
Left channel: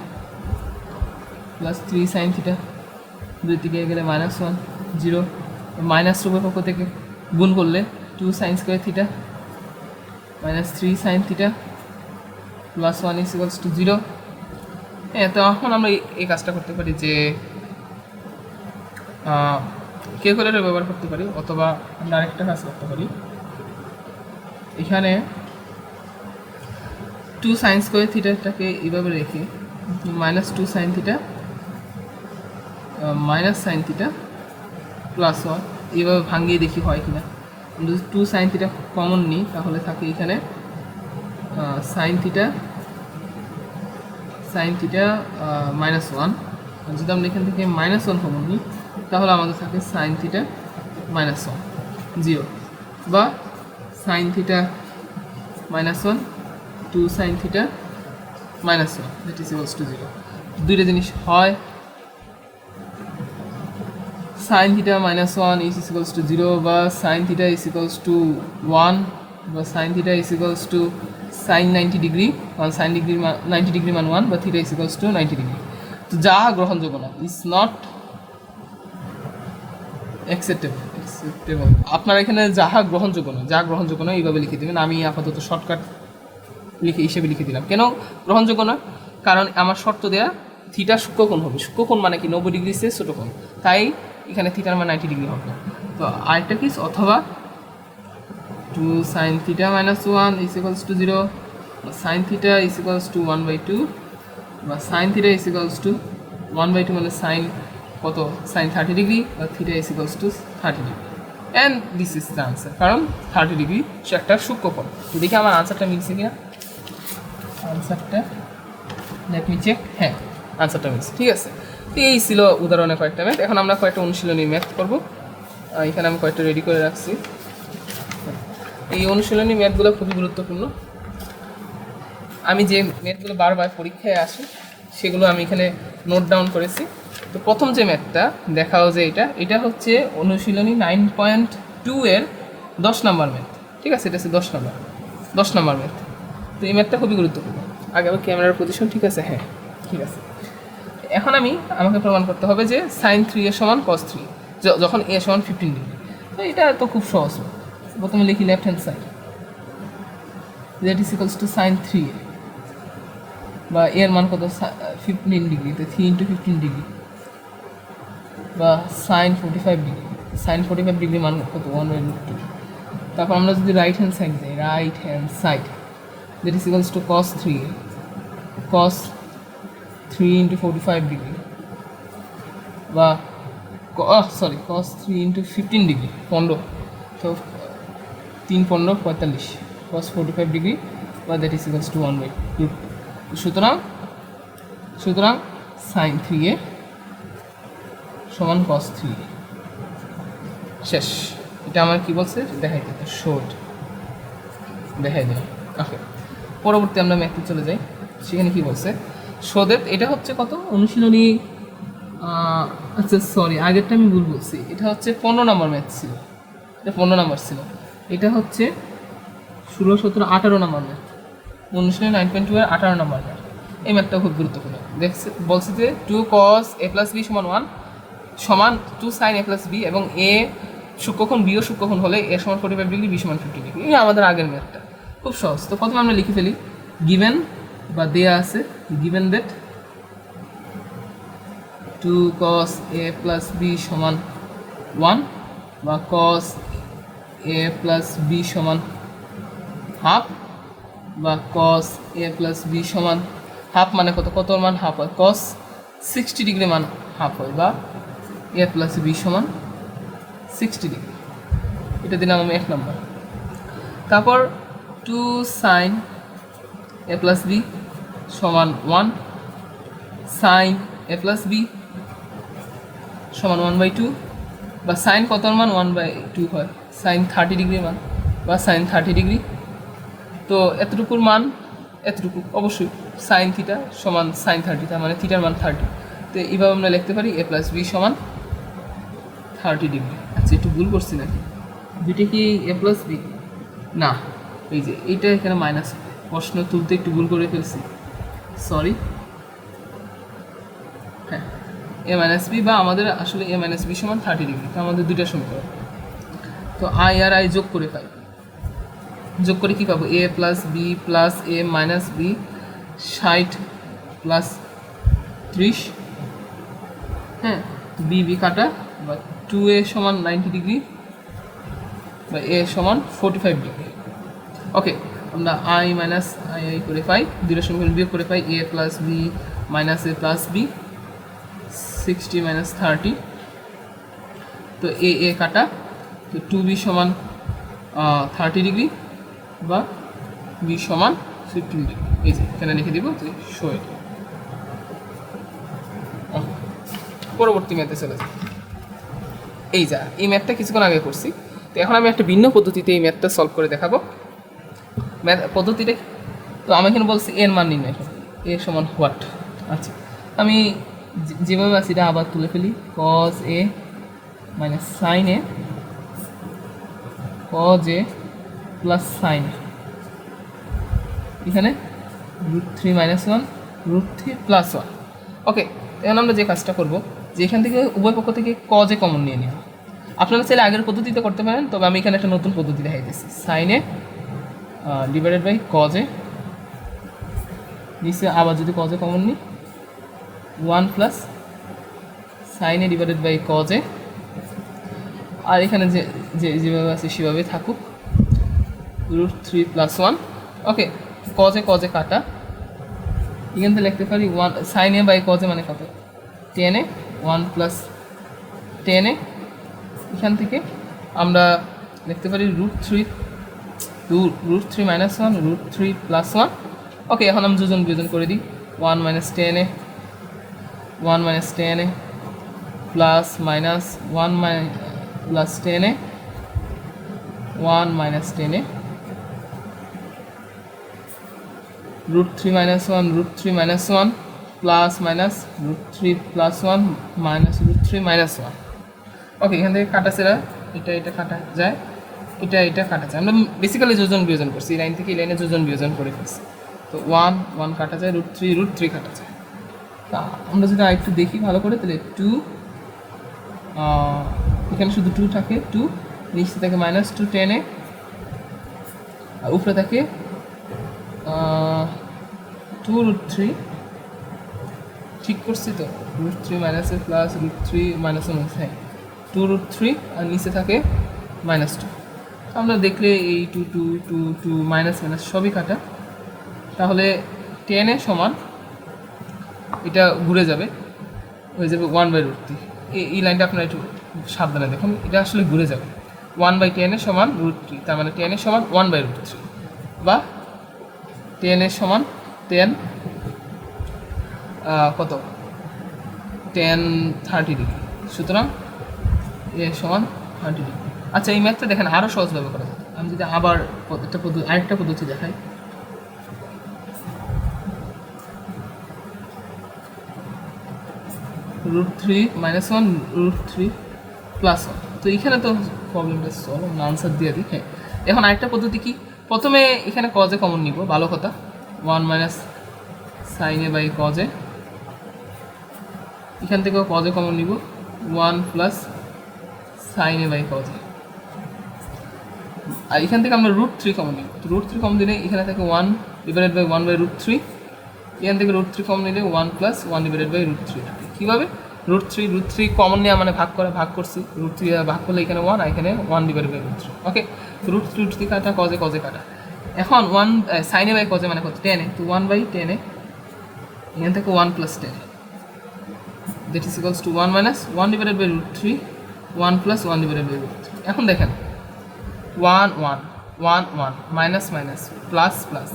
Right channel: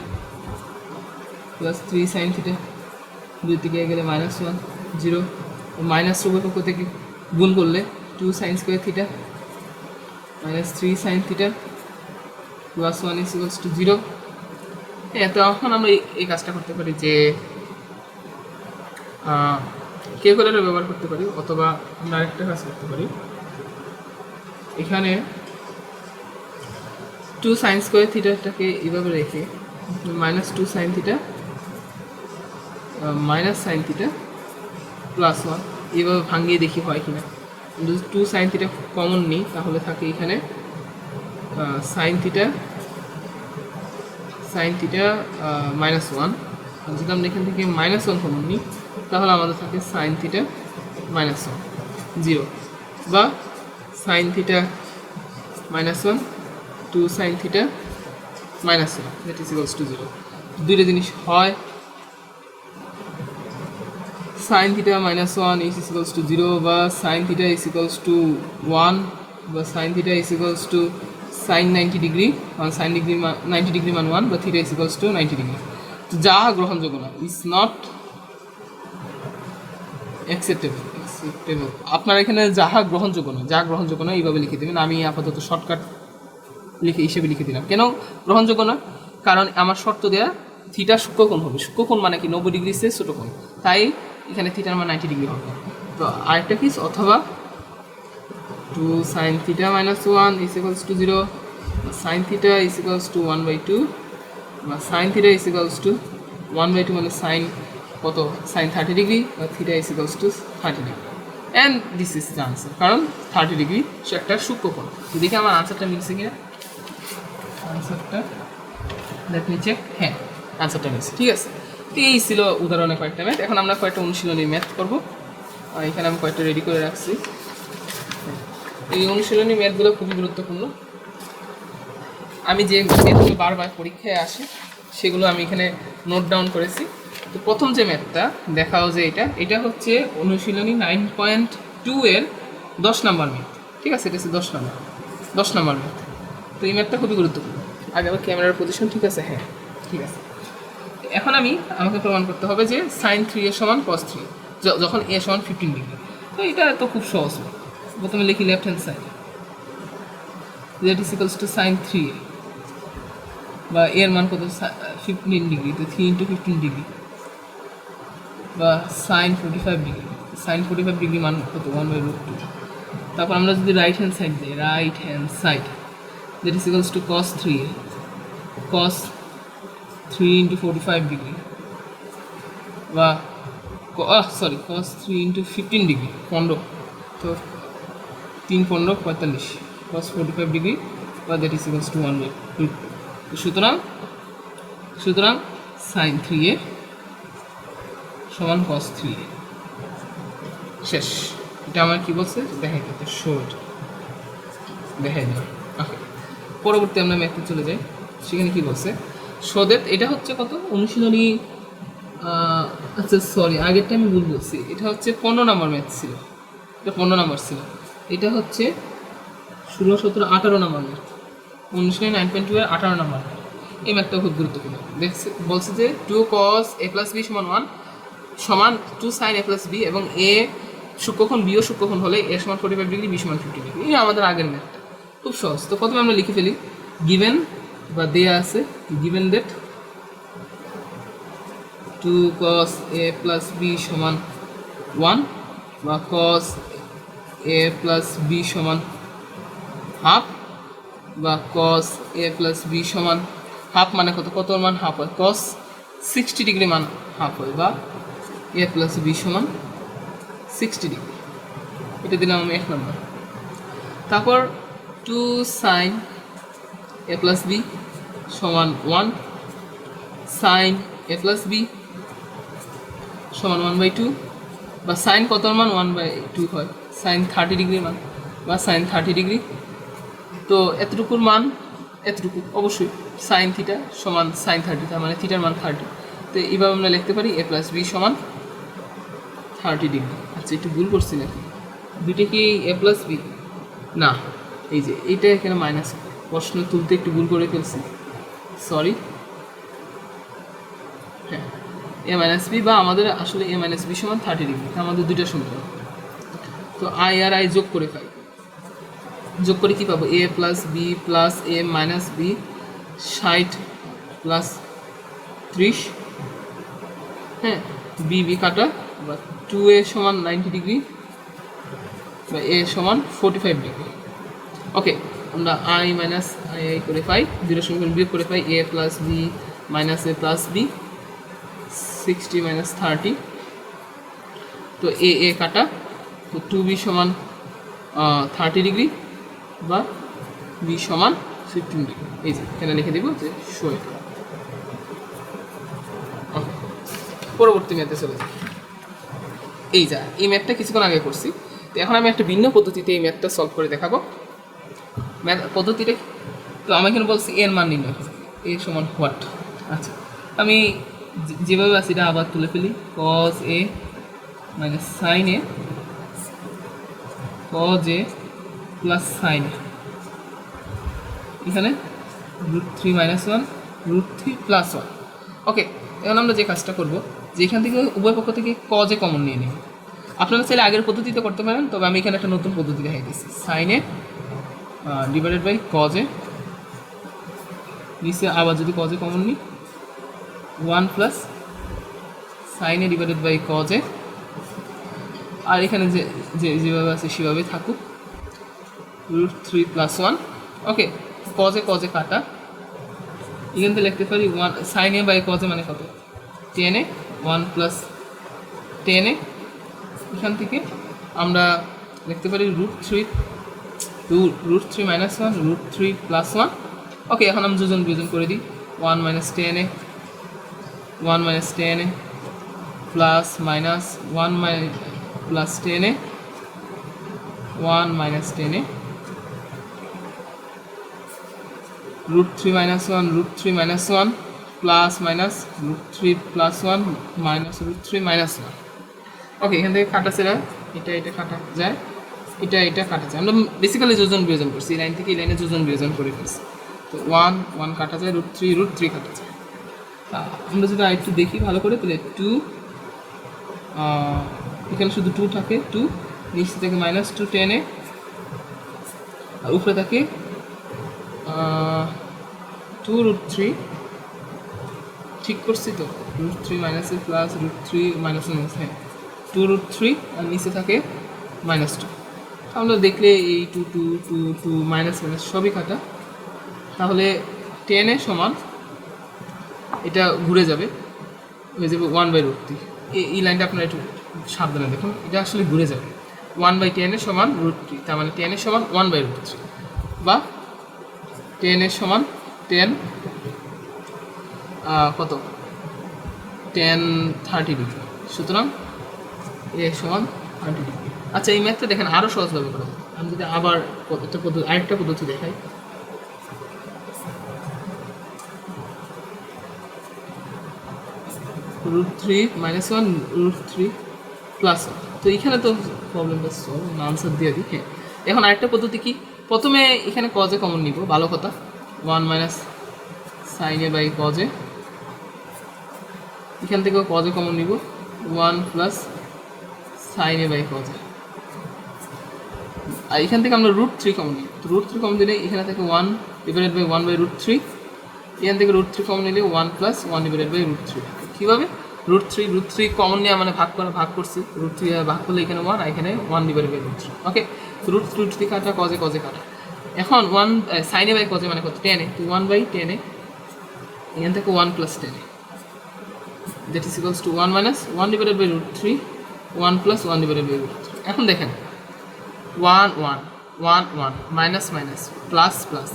plus 3 sine theta, দুই দিকে গেলে -1 0, মাইনাস উভয় পক্ষ থেকে গুণ করলে 2 sign square theta minus 3 sine theta plus 1 is equals to 0। হ্যাঁ, তো এখন আমরা এই কাজটা করতে পারি যে ক্যালকুলেটর ব্যবহার করতে পারি, অথবা আমরা আরেকটা কাজ করতে পারি। এখানে 2 সাইন স্কোয়ার থিটাটাকে এইভাবে রেখে minus 2 sine theta minus sine theta plus 1 এইভাবে ভাঙিয়ে দেখি হয় কি না। যদি 2 সাইন থিটা কমন নিই তাহলে থাকে এখানে সাইন থিটা মাইনাস 1। যদি আমরা এখান থেকে -1 কমন নিই তাহলে আমাদের থাকে সাইন থিটা -1 0, বা sine theta -1 2 sine theta -1, that is equals to 0। দুইটা জিনিস হয়, sine theta -1 is equals to 0, বা sine theta is equals to 1, বা sine theta is equals to sine 90 degree, sine degree 90 degree মান 1 বা theta is equals to 90 degree. তো যা গ্রহণযোগ্য না, ইজ নট অ্যাকসেপ্টেবল। আপনার এখানে যাহা গ্রহণযোগ্য না, যা গ্রহণযোগ্য না এইভাবে লিখে দেবেন। আমি আপাতত শর্টকাট হিসেবে লিখে দিলাম। কেন গ্রহণযোগ্য না? কারণ আমার শর্ত দেয়া থিটা সূক্ষ্মকোণ হবে। সূক্ষ্মকোণ মানে কি 90 ডিগ্রি সে ছোটো কোণ, তাই এখানে থিটার মান 90 ডিগ্রি হবে। তো আরেকটা কি, অথবা 2 sin theta minus 1 is equals to 0, sin theta is equals to 1/2, বা sin theta is equals to 1/2 মানে sin কত, sin 30 ডিগ্রি, বা theta is equals to 30 degree, and this is the answer. কারণ 30 ডিগ্রি সে একটা সূক্ষ্মকোণ। দেখি আমার আনসারটা মিলছে কিনা। আনসারটা লেট মি চেক। হ্যাঁ, আনসারটা মিলছে, ঠিক আছে। এই ছিল উদাহরণের কয়েকটা ম্যাথ। এখন আমরা কয়েকটা অনুশীলনী ম্যাথ করবো। এখানে আমি কয়েকটা রেডি করে রাখছি। এই অনুশীলনী ম্যাথগুলো খুবই গুরুত্বপূর্ণ। আমি যে ম্যাথগুলো বারবার পরীক্ষায় আসে সেগুলো আমি এখানে নোট ডাউন করেছি। তো প্রথম যে ম্যাথটা দেখাও যে এটা হচ্ছে অনুশীলনী 9.2 এর 10 নম্বর ম্যাথ, ঠিক আছে। এটা হচ্ছে 10 নম্বর ম্যাথ। তো এই ম্যাথটা খুবই গুরুত্বপূর্ণ। আগে আমার ক্যামেরার পজিশন ঠিক আছে? হ্যাঁ, ঠিক আছে। এখন আমাকে প্রমাণ করতে হবে যে sin 3a সমান cos 3 যখন a সমান 15 ডিগ্রি। তো এটা তো খুব সহজ। প্রথমে লিখি left hand side, that is equals to sin 3a, বা এর মান কত, 15 ডিগ্রি, তো 3 × 15 ডিগ্রি, বা sin 45 ডিগ্রি। sin 45 ডিগ্রি মান কত, 1/√2। তারপর আমরা যদি রাইট হ্যান্ড সাইড যাই, that is equals to cos 3a, cos 3 × 45 degree, বা cos 3 × 15 ডিগ্রি, 15, তো 3 × 15 45, cos 45 ডিগ্রি, বা দ্যাট ইজ ইকুয়ালস টু 1/2। সুতরাং sin 3a সমান cos 3a। শেষ। এটা আমার কি বলছে দেখাই দিতে, দেখাই দিলাম। ওকে, পরবর্তী আমরা ম্যাথে চলে যাই। সেখানে কি বলছে, শো দ্যাট, এটা হচ্ছে কত অনুশীলনী, আচ্ছা সরি, আগেরটা আমি ভুল বলছি। এটা হচ্ছে 15 নম্বর ম্যাথ ছিল, এটা 15 নম্বর ছিল। এটা হচ্ছে 16, 17, 18 নম্বর ম্যাথ। অনুশীলনী 9.2 এর 18 নম্বর ম্যাথ। এই ম্যাথটা খুব গুরুত্বপূর্ণ। বলছে যে 2 cos a + b = 1 সমান 2 sin a + b, এবং a সূক্ষ্মকোণ, b ও সূক্ষ্মকোণ হলে a সমান 45 ডিগ্রি, b সমান 50 ডিগ্রি। এই আমাদের আগের ম্যাথটা খুব সহজ। তো প্রথমে আমরা লিখে ফেলি, গিভেন বা দেয়া আছে, given that 2 cos a + b = 1, বা cos a + b = হাফ, বা cos a + b = হাফ মানে কত মান হাফ হয়, cos 60 ডিগ্রি মান হাফ হয়, বা a + b = 60 ডিগ্রি। এটা দিলাম আমি 1 নম্বর। তারপর 2 sin a + b = 1, sin a + b = 1/2, বা sin কত মান 1/2 হয়, sin 30 ডিগ্রি মান, বা sin 30 ডিগ্রি। তো এতটুকুর মান এতটুকু অবশ্যই sin θ সমান sin 30, তার মানে থিটার মান 30। তো এইভাবে আমরা লিখতে পারি a + b = 30 ডিগ্রি। আচ্ছা, একটু ভুল করছি নাকি, দুইটা কি a + b? না, এই যে এইটা এখানে মাইনাস, প্রশ্ন তুলতে একটু ভুল করে ফেলছি, সরি। হ্যাঁ, a - b, বা আমাদের আসলে a - b = 30 ডিগ্রি। আমাদের দুইটা সমীকরণ। তো i আর i যোগ করে কি পাবো, a + b + a - b 60 + 30, হ্যাঁ, b কাটা, বা 2a = 90 ডিগ্রি, বা a = 45 ডিগ্রি। ওকে, আমরা i - i করে পাই, দুটো সমীকরণ বিয়োগ করে পাই a + b - a + b 60 - 30, তো a কাটা, তো 2b = 30 ডিগ্রি, বা b = 15 ডিগ্রি। এই যে এখানে লিখে দিব যে শো ইট। পরবর্তী ম্যাথে চলে যাই। এই ম্যাথটা কিছুক্ষণ আগে করছি। তো এখন আমি একটা ভিন্ন পদ্ধতিতে এই ম্যাথটা সলভ করে দেখাবো। ম্যাথ পদ্ধতিটা, তো আমি এখানে বলছি এর মান নির্ণয় করো, a = হোয়াট। আচ্ছা, আমি যেভাবে আছি এটা আবার তুলে ফেলি, cos a - sin a, cos a + sin a, এখানে √3 - 1 √3 + 1। ওকে, এখন আমরা যে কাজটা করব যে এখান থেকে উভয় পক্ষ থেকে কজে কমন নিয়ে নিব। আপনারা চাইলে আগের পদ্ধতিতে করতে পারেন, তবে আমি এখানে একটা নতুন পদ্ধতি দেখাই দিচ্ছি। সাইনে ডিভাইডেড বাই কজে, নিচে আবার যদি কজে কমন নিই 1 প্লাস সাইনে ডিভাইডেড বাই কজে, আর এখানে যেভাবে আছে সেভাবে থাকুক √3 + 1। ওকে, কজে কজে কাটা, এখান থেকে লিখতে পারি 1 সাইনে বাই কজে মানে কত 10 1 প্লাস 10। এখান থেকে আমরা লিখতে পারি √3 - 1 √3 + 1। ওকে, এখন আমি যোজন বিয়োজন করে দিই 1 - 10 1 - 10 plus minus 1 plus 10 1 - 10 √3 - 1 √3 - 1 plus minus √3 + 1 minus √3 - 1। ওকে, এখান থেকে কাটা ছেড়া এটা কাটা যায়, এটা কাটা যায়। আমরা বেসিক্যালি যোজন বিয়োজন করছি, এই লাইন থেকে এই লাইনে যোজন বিয়োজন করে ফেলছি। তো 1 1 কাটা যায়, √3 কাটা যায়। তা আমরা যদি আরেকটু দেখি ভালো করে, তাহলে 2 এখানে শুধু 2 থাকে, 2 নিচে থাকে -2 10 আর উপরে থাকে 2 √3। ঠিক করছি তো, √3 মাইনাসের প্লাস √3 - 1, হ্যাঁ 2 √3 আর নিচে থাকে -2। আমরা দেখলে এই 2 2 2 2 মাইনাস সবই কাটা, তাহলে 10 সমান এটা ঘুরে যাবে, হয়ে যাবে 1/√3। এই লাইনটা আপনারা একটু সাবধানে দেখুন, এটা আসলে ঘুরে যাবে 1/10 সমান √3, তার মানে 10 সমান 1/√3 বা 10 সমান 10 কত 10 30 ডিগ্রি। সুতরাং এ সমান 30 ডিগ্রি। আচ্ছা, এই ম্যাথটা দেখেন আরও সহজভাবে করা যায়। আমি যদি আবার আরেকটা পদ্ধতি দেখাই, √3 - 1 √3 + 1। তো এখানে তো প্রবলেমটা সলভ, আনসার দিয়ে দিই। হ্যাঁ, এখন আরেকটা পদ্ধতি কি, প্রথমে এখানে কজে কমন নিব, ভালো কথা 1 - সাইনে বাই কজে, এখান থেকেও কজে কমন নিব 1 প্লাস সাইনে বাই কজে, আর এখান থেকে আমরা √3 কমন নিব। তো √3 কমন দিলে এখানে থাকে 1 ডিভাইডেড বাই 1/√3, এখান থেকে √3 কমন নিলে 1 প্লাস 1 ডিভাইডেড বাই √3 থাকে। কীভাবে √3 কমন নেওয়া মানে ভাগ করছি, √3 ভাগ করলে এখানে 1 আর এখানে 1 ডিভাইডেড বাই √3। ওকে, তো √3 কাটা, কজে কাটা। এখন 1 সাইনে বাই কজে মানে কত 10, তো 1/10 এখান থেকে 1 plus 10 that is equals to 1 minus 1 divided by √3 1 plus 1 divided by √3। এখন দেখেন 1 1 1 1 মাইনাস মাইনাস প্লাস প্লাস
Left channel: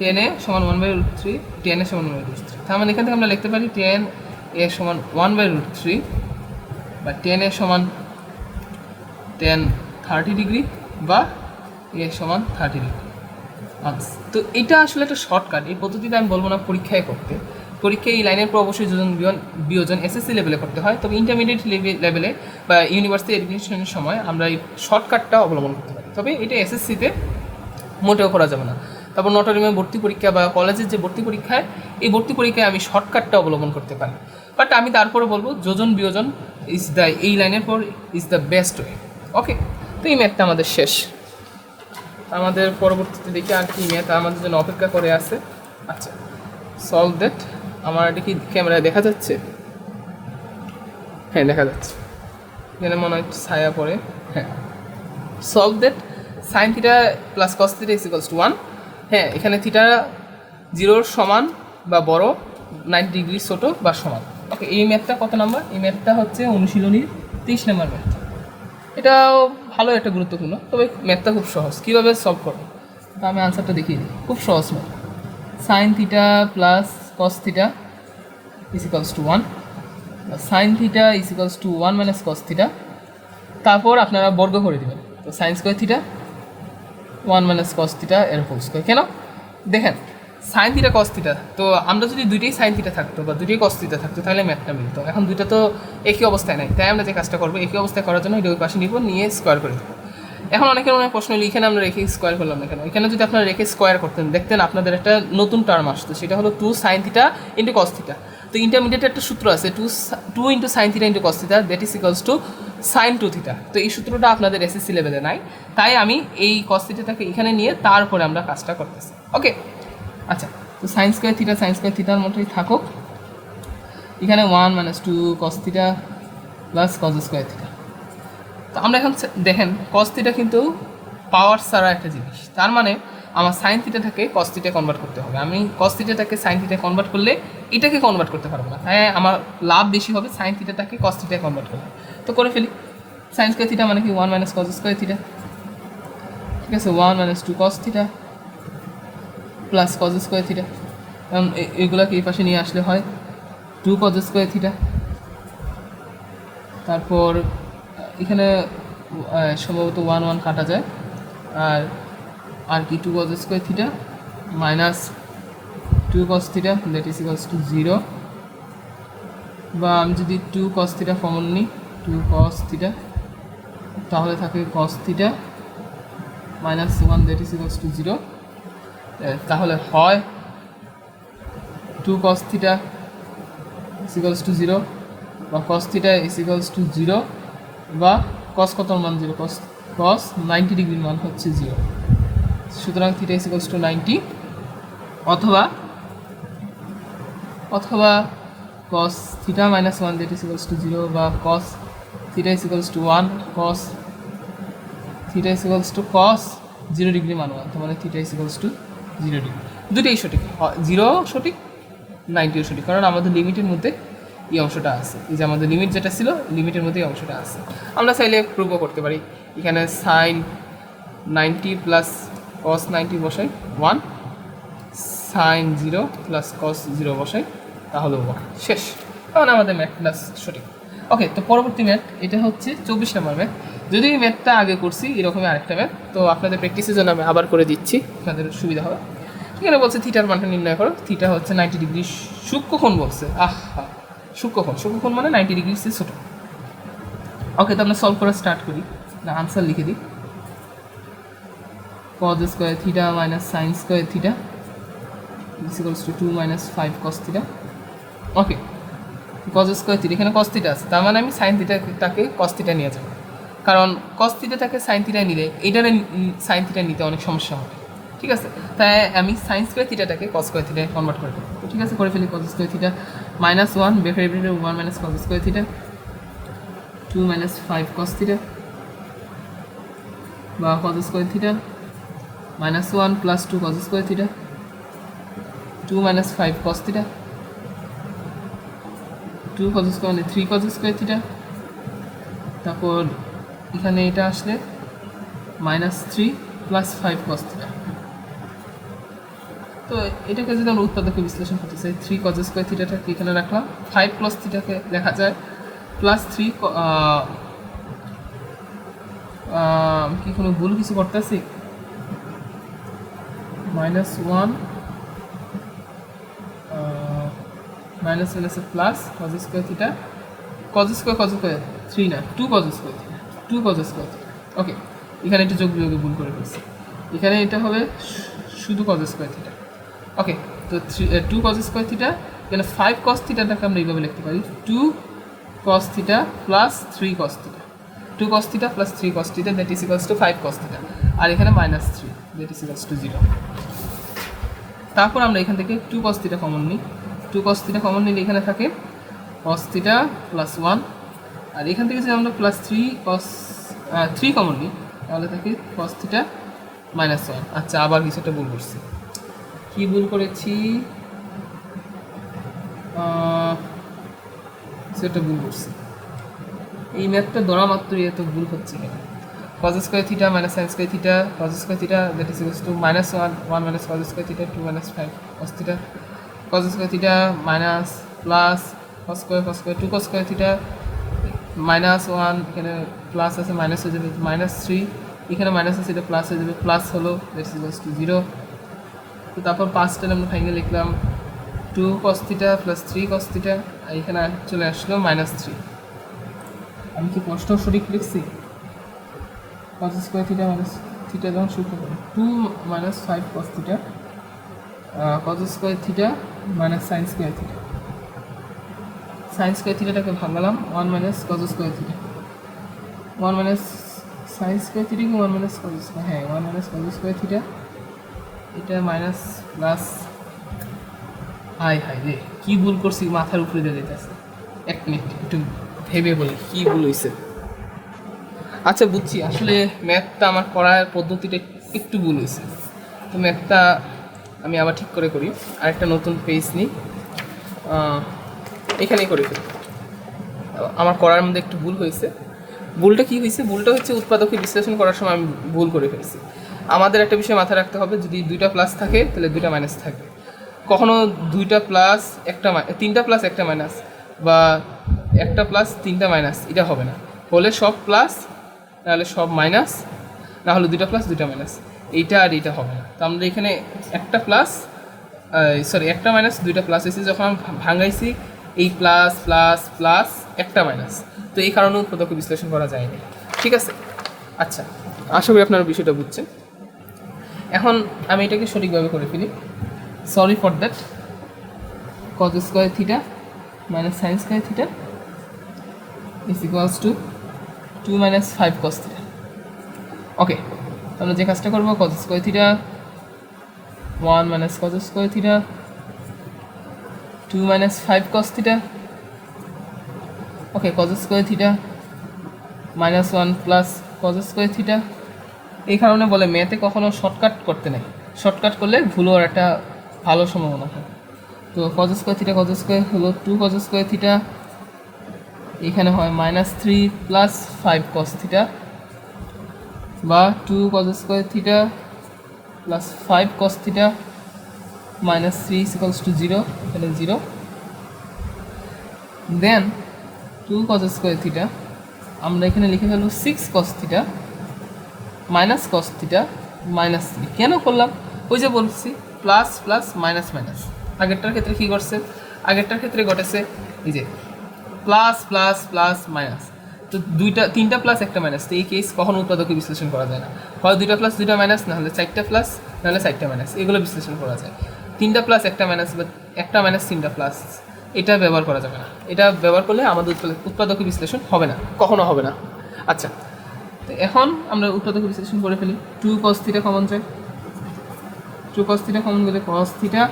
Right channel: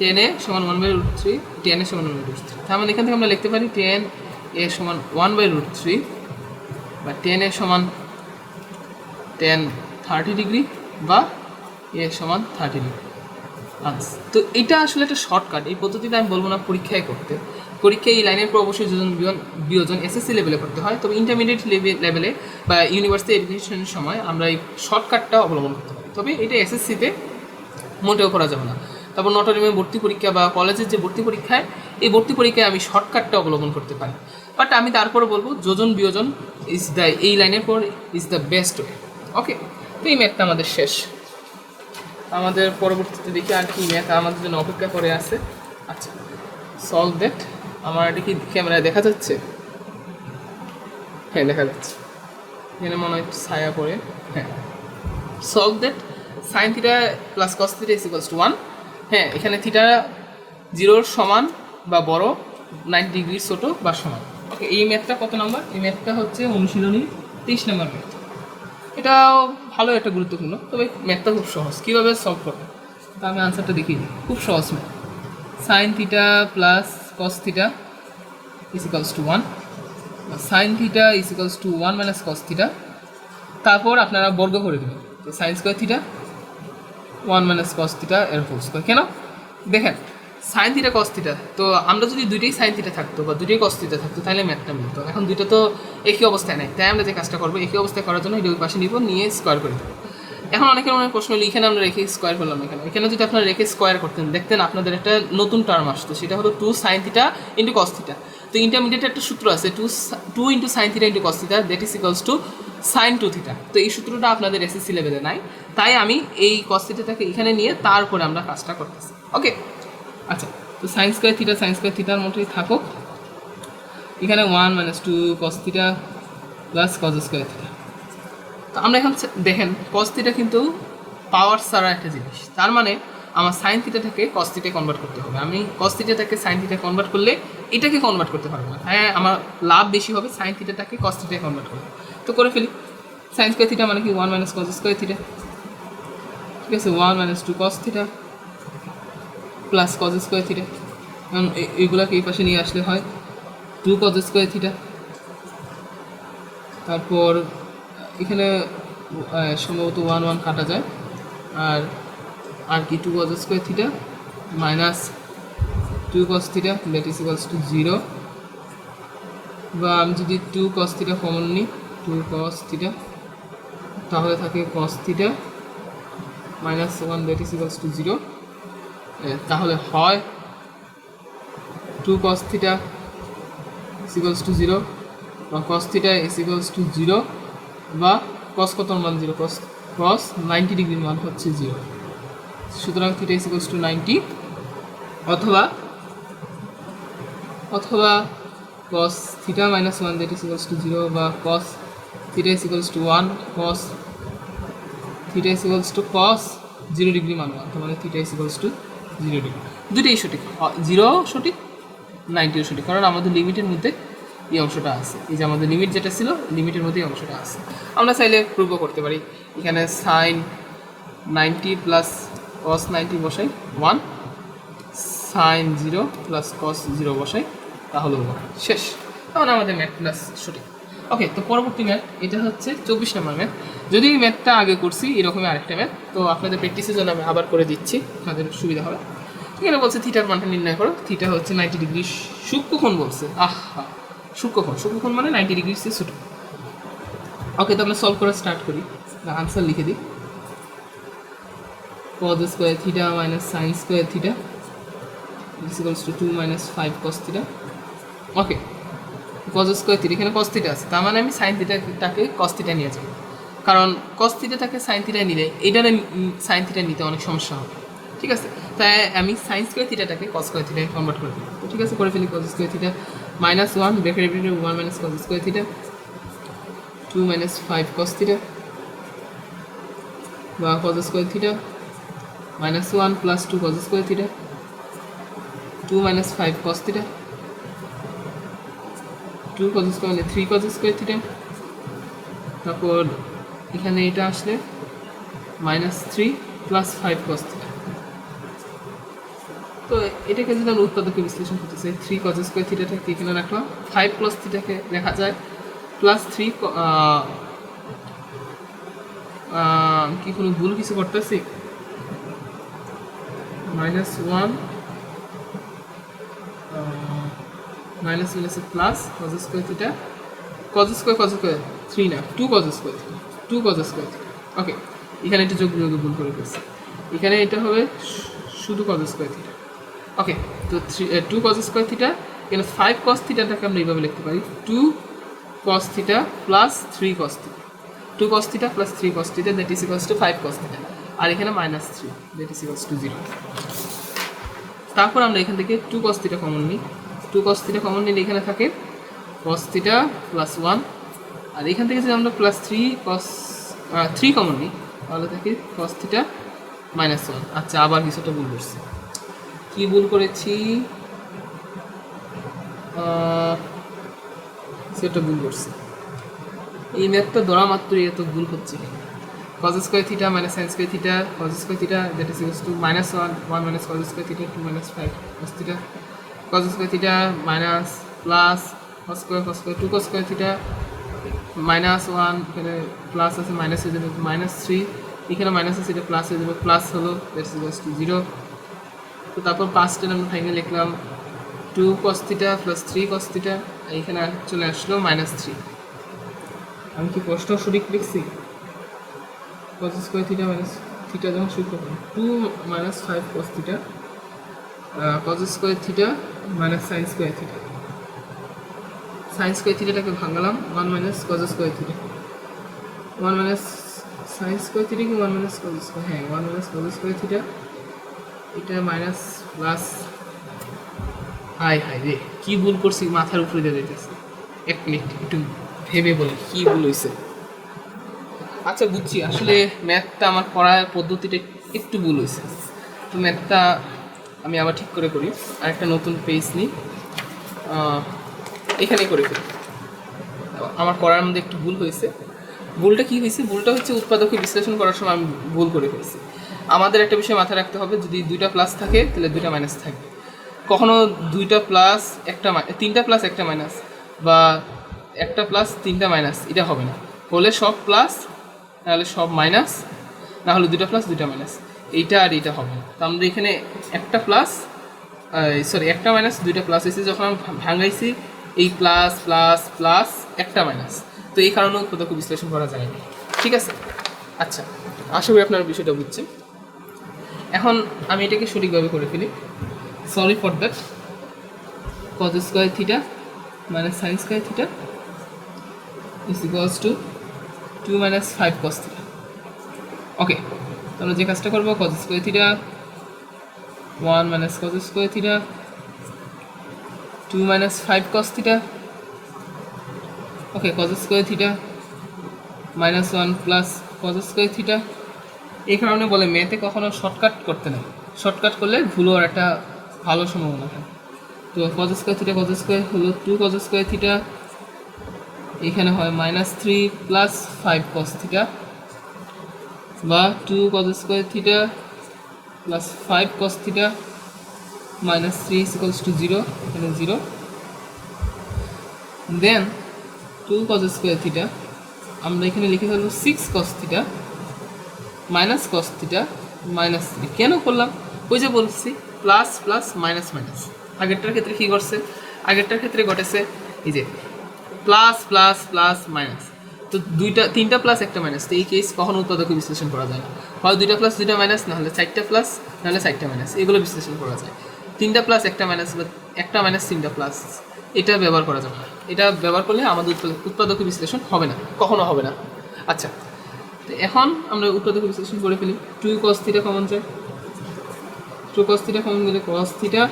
10 সমান 1/√3, 10 সমান 1/√3। তার মানে এখান থেকে আমরা লিখতে পারি 10 সমান 1/√3 বা 10 সমান 10 30 ডিগ্রি বা সমান 30 ডিগ্রি। আচ্ছা, তো এটা আসলে একটা শর্টকাট। এই পদ্ধতিতে আমি বলবো না পরীক্ষায় করতে, পরীক্ষায় এই লাইনের পর অবশ্যই যোজন বিয়োজন এসএসসি লেভেলে করতে হয়, তবে ইন্টারমিডিয়েট লেভেলে বা ইউনিভার্সিটি এডমিশনের সময় আমরা এই শর্টকাটটা অবলম্বন করতে পারি, তবে এটা এসএসসিতে মোটেও করা যাবে না। তারপর নটরডেমে ভর্তি পরীক্ষা বা কলেজের যে ভর্তি পরীক্ষায়, এই ভর্তি পরীক্ষায় আমি শর্টকাটটা অবলম্বন করতে পারি, বাট আমি তারপরে বলবো যোজন বিয়োজন এই লাইনের পর ইজ দ্য বেস্ট ওয়ে। ওকে, তো এই ম্যাথটা আমাদের শেষ। আমাদের পরবর্তীতে দেখি আর কি ম্যাথ আমাদের জন্য অপেক্ষা করে আছে। আচ্ছা, সলভ দ্যাট। আমার এটা কি ক্যামেরায় দেখা যাচ্ছে? হ্যাঁ, দেখা যাচ্ছে। এখানে মনে হয় ছায়া পড়ে। হ্যাঁ, solve that sine theta plus cos theta is equals to 1। হ্যাঁ, এখানে থিটা 0 সমান বা বড়, 90 ডিগ্রি ছোটো বা সমান। ওকে, এই ম্যাথটা কত নম্বর? এই ম্যাথটা হচ্ছে অনুশীলনীর 30 নম্বর ম্যাথ। এটাও ভালো একটা গুরুত্বপূর্ণ, তবে ম্যাথটা খুব সহজ। কীভাবে সলভ করবো তা আমি আনসারটা দেখিয়ে দিই। খুব সহজ math. Sine theta plus cos theta is equals to 1, sign theta is equals to 1 minus cos theta, তারপর আপনারা বর্গ করে দেবেন। তো sign square theta 1 minus cos theta এর হোল স্কোয়ার। কেন দেখেন, সাইন থিটা কস থিটা, তো আমরা যদি দুইটাই সাইন থিটা থাকতো বা দুইটাই কস থিটা থাকতো তাহলে ম্যাথটা মিলতো। এখন দুইটা তো একই অবস্থায় নাই, তাই আমরা যে কাজটা করবো একই অবস্থায় করার জন্য এটা ওই পাশে নিব, নিয়ে স্কোয়ার করে দেবো। এখন অনেকের মনে প্রশ্ন হলো এখানে আমরা রেখে স্কোয়ার করলাম না কেন? এখানে যদি আপনারা রেখে স্কোয়ার করতেন দেখতেন আপনাদের একটা নতুন টার্ম আসতো, সেটা হলো 2 sin theta into cos theta. তো ইন্টারমিডিয়েট একটা সূত্র আছে 2 into sine theta into cos theta that is equals to sine 2 theta. তো এই সূত্রটা আপনাদের এসএসসি লেভেলে নাই, তাই আমি এই কস থিটাটাকে এখানে নিয়ে তারপরে আমরা কাজটা করতেছি। ওকে, আচ্ছা, তো সাইন স্কোয়ার থিটার মতোই থাকুক। এখানে 1 - 2 cos theta plus cos square theta. তো আমরা এখন দেখেন কস থিটা কিন্তু পাওয়ার ছাড়া একটা জিনিস, তার মানে আমার সাইন থিটাটাকে কস থিটা কনভার্ট করতে হবে। আমি কস থিটাটাকে সাইন থিটা কনভার্ট করলে এটাকে কনভার্ট করতে পারবো না, তাই আমার লাভ বেশি হবে সাইন থিটাটাকে কস থিটা কনভার্ট করবে। তো করে ফেলি, সাইন স্কোয়ার থিটা মানে কি 1 - cos স্কোয়ার থিটা, ঠিক আছে, 1 - 2 cos theta plus cos square theta. কারণ এইগুলোকে এই পাশে নিয়ে আসলে হয় 2 cos স্কোয়ার থিটা। তারপর এখানে সম্ভবত 1 1 কাটা যায়, আর কি 2 cos square theta minus 2 cos theta that is equals to 0, বা আমি যদি 2 cos থিটা কমন নিই 2 cos থিটা, তাহলে থাকে cos theta minus 1 that is equals to 0। তাহলে হয় 2 cos theta is equals to 0, বা cos theta is equals to 0, বা cos কত মান 0, cos 90 ডিগ্রির মান হচ্ছে 0। সুতরাং থিটা ইজ ইকুয়ালস টু 90, অথবা cos theta minus 1 that is equals to 0, বা cos theta is equals to 1, cos theta is equals two cos 0 degree মান 1, তার মানে theta is equals to 0 degree. দুটোই সঠিক, 0 সঠিক 90ও সঠিক, কারণ আমাদের লিমিটের মধ্যে এই অংশটা আছে। এই যে আমাদের লিমিট যেটা ছিল লিমিটের মধ্যে এই অংশটা আছে। আমরা চাইলে প্রুভও করতে পারি, এখানে সাইন 90 প্লাস cos 90 বসাই 1, সাইন 0 প্লাস cos 0 বসাই, তাহলেও শেষ। তখন আমাদের ম্যাথ প্লাস সঠিক। ওকে, তো পরবর্তী ম্যাথ এটা হচ্ছে 24 নম্বর ম্যাথ। যদি এই ম্যাথটা আগে করছি এরকমই আরেকটা ম্যাথ, তো আপনাদের প্র্যাকটিসের জন্য আমি আবার করে দিচ্ছি, আপনাদের সুবিধা হবে। এখানে বলছে থিটার মানটা নির্ণয় করো। থিটা হচ্ছে 90 ডিগ্রি সূক্ষ্মকোণ বলছে, সূক্ষ্মকোণ মানে 90 ডিগ্রি সে ছোটো। ওকে, তো আমরা সলভ করে স্টার্ট করি, না আনসার লিখে দিই। cos square theta minus sine square theta is equals to 2 - 5 cos theta. Okay, cos square theta, এখানে cos থিটা আছে, তার মানে আমি সাইন থিটাটাকে cos থিটা নিয়ে যাব, কারণ cos থিটাটাকে সাইন থিটা নিলে এটারে সাইন থিটা নিতে অনেক সমস্যা হবে। ঠিক আছে, তাই আমি সাইন স্কোয়ার থিটাটাকে cos স্কোয়ার থিটায় কনভার্ট করে দিই। ঠিক আছে, করে ফেলি। cos স্কোয়ার থিটা মাইনাস 1 ব্রেকেটের 1 - cos স্কোয়ার থিটা 2 - 5 cos থিটা, বা cos square theta minus 1 plus 2 cos square theta 2 - 5 cos theta, 2 cos square মানে 3 cos স্কোয়ার থিটা। তারপর এখানে এটা আসলে -3 প্লাস 5 cos থিটা। তো এটাকে যদি আমরা উৎপাদকে বিশ্লেষণ করতে চাই, 3 cos স্কোয়ার থিটাটাকে এখানে রাখলাম, 5 cos থিটাকে লেখা যায় প্লাস 3 কি কোনো ভুল কিছু করতেছি, -1 minus plus cos square theta, cos square 3 না 2 cos square theta, 2 cos square theta. Okay, এখানে একটু যোগে ভুল করে ফেলছি, এখানে এটা হবে শুধু cos স্কোয়ার থিটা। ওকে, তো 2 cos স্কোয়ার থিটা, এখানে 5 cos থিটাটাকে আমরা এইভাবে লিখতে পারি 2 cos theta plus 3 cos theta, 2 cos theta plus 3 cos theta that is equals to 5 cos theta, আর এখানে -3 দ্যাট ইজ ইকুয়ালস টু 0। তারপর আমরা এখান থেকে 2 cos থিটা কমন নিই, 2 cos থিটা কমন নিলে এখানে থাকে cos থিটা প্লাস 1, আর এখান থেকে যদি আমরা প্লাস 3 কমন নিই তাহলে থাকে cos থিটা -1। আচ্ছা, আবার কিছুটা ভুল করছি, কি ভুল করেছি সেটা ভুল করছি, এই ম্যাথটা ধরা মাত্রই এত ভুল হচ্ছে কেন। cos square theta minus sine square theta, cos square theta that is equals to -1 cos square theta 2 - 5 cos theta, cos square theta minus plus cos square 2 cos square theta -1, এখানে প্লাস আছে মাইনাস হয়ে যাবে -3, এখানে মাইনাস আছে এটা প্লাস হয়ে যাবে, প্লাস হলো দ্যাট ইজ ইকুয়ালস টু 0। তো তারপর 5টা আমরা ফাইনালি লিখলাম 2 cos theta plus 3 cos theta, এখানে চলে আসলো -3। আমি কি প্রশ্ন সঠিক লিখছি? Cos square theta minus theta যখন সূত্র করি 2 minus 5 cos theta cos square theta minus sine square theta. Sine square থিটাটাকে ভাঙালাম 1 minus cos square theta 1 minus sine square theta কি 1 মাইনাস কজ স্কোয়ার, হ্যাঁ 1 মাইনাস কজ স্কোয়ার থিটা, এটা মাইনাস প্লাস। হাই হাই রে কী ভুল করছি, মাথার উপরে দিয়ে দিতেছে। এক মিনিট একটু ভেবে বলি কী ভুল হয়েছে। আচ্ছা বুঝছি, আসলে ম্যাথটা আমার করার পদ্ধতিটা একটু ভুল হয়েছে, তো ম্যাথটা আমি আবার ঠিক করে করি। আরেকটা নতুন পেজ নিই, এখানেই করে ফেলি। আমার করার মধ্যে একটু ভুল হয়েছে। ভুলটা কী হয়েছে? ভুলটা হচ্ছে উৎপাদকে বিশ্লেষণ করার সময় আমি ভুল করে ফেলছি। আমাদের একটা বিষয় মাথায় রাখতে হবে, যদি দুইটা প্লাস থাকে তাহলে দুইটা মাইনাস থাকবে। কখনো দুইটা প্লাস একটা তিনটা প্লাস একটা মাইনাস, বা একটা প্লাস তিনটা মাইনাস, এটা হবে না। হলে সব প্লাস, নাহলে সব মাইনাস, না হলে দুইটা প্লাস দুইটা মাইনাস, এইটা আর এইটা হবে না। তো আমরা এখানে একটা প্লাস একটা মাইনাস দুইটা প্লাস হয়েছে, যখন আমি ভাঙাইছি এই প্লাস প্লাস প্লাস একটা মাইনাস, তো এই কারণে উৎপাদকে বিশ্লেষণ করা যায়নি। ঠিক আছে, আচ্ছা আশা করি আপনারা বিষয়টা বুঝছেন। এখন আমি এটাকে সঠিকভাবে করে ফেলি। Sorry for that. Cos square theta minus sine square theta is equals to 2 minus 5 cos theta. Okay, আমরা যে কাজটা করবো, cos square theta 1 minus cos square theta 2 minus 5 cos theta. Okay, cos square theta minus 1 plus cos square theta. এই কারণে বলে ম্যাথে কখনো শর্টকাট করতে নেই, শর্টকাট করলে ভুল হওয়ার একটা ভালো সম্ভাবনা থাকে। তো cause square theta cos square হলো 2 কজ স্কোয়ার থিটা, এখানে হয় মাইনাস 3 প্লাস 5 কস থিটা, বা 2 cause square theta plus 5 cos theta minus 3 equals to 0, এখানে 0। দেন 2 কজ স্কোয়ার থিটা আমরা এখানে লিখে ফেলবো 6 cos theta minus cos theta minus 3। কেন করলাম? ওই যে বলছি প্লাস প্লাস মাইনাস মাইনাস। আগেরটার ক্ষেত্রে কী করছে? আগেরটার ক্ষেত্রে ঘটেছে এই যে প্লাস প্লাস প্লাস মাইনাস, তো তিনটা প্লাস একটা মাইনাস, তো এই কেস কখনো উৎপাদকে বিশ্লেষণ করা যায় না। হয় দুইটা প্লাস দুইটা মাইনাস, নাহলে চারটা প্লাস, নাহলে চারটা মাইনাস, এগুলো বিশ্লেষণ করা যায়। তিনটা প্লাস একটা মাইনাস বা একটা মাইনাস তিনটা প্লাস, এটা ব্যবহার করা যাবে না। এটা ব্যবহার করলে আমাদের উৎপাদকে বিশ্লেষণ হবে না, কখনো হবে না। আচ্ছা, তো এখন আমরা উৎপাদকে বিশ্লেষণ করে ফেলি। 2 cos থিটা কমন যায়, 2 cos থিটা কমন গেলে cos থিটা,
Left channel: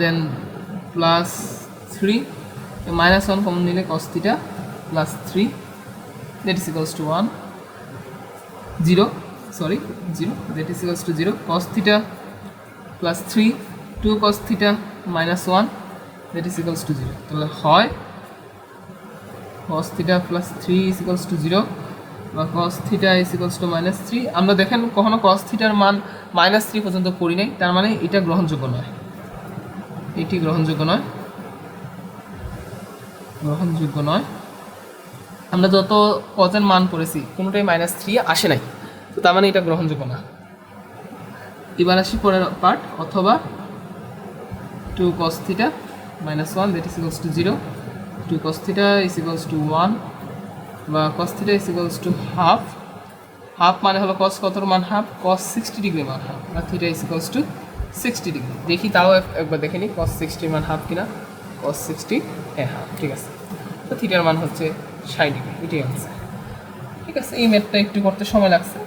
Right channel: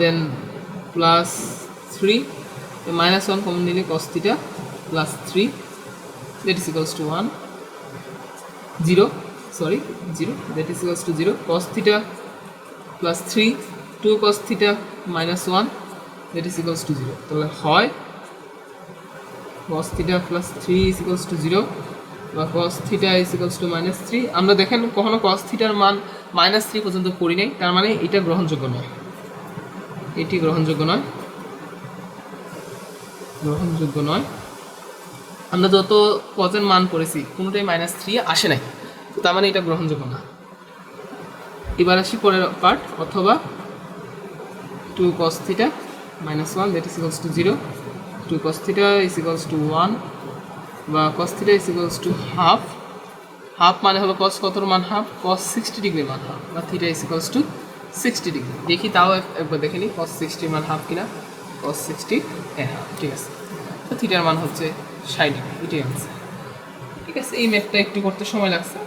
দেন প্লাস 3 মাইনাস 1 কমন নিলে cos theta plus 3, that is equals to 1 0 that is equals to 0। cos theta plus 3 2 cos theta minus 1 that is equals to 0। তাহলে হয় cos theta plus 3 is equals to 0 বা cos theta is equals two minus 3। আমরা দেখেন কখনো cos থিটার মান মাইনাস 3 পর্যন্ত করি নাই, তার মানে এটা গ্রহণযোগ্য নয়, এটি গ্রহণযোগ্য নয়, গ্রহণযোগ্য নয়। আমরা যত কজের মান পড়েছি কোনোটাই মাইনাস 3 আসে নাই, তো তার মানে এটা গ্রহণযোগ্য না। এবার আসি পরের পার্ট, অথবা 2 cos theta minus 1 that is equals to 0, 2 cos theta is equals to 1, বা cos theta is equals to half. Half মানে হলো cos কতর মান হাফ, cos 60 ডিগ্রি মান হাফ, বা theta is equals to 60 degree. দেখি তাও একবার দেখে নিই cos 60 মান হাফ কিনা। cos 60 হ্যাঁ হাফ, ঠিক আছে। তো থিটার মান হচ্ছে 60 ডিগ্রি, এটাই আনসার। ঠিক আছে, এই ম্যাথটা একটু করতে সময় লাগছে।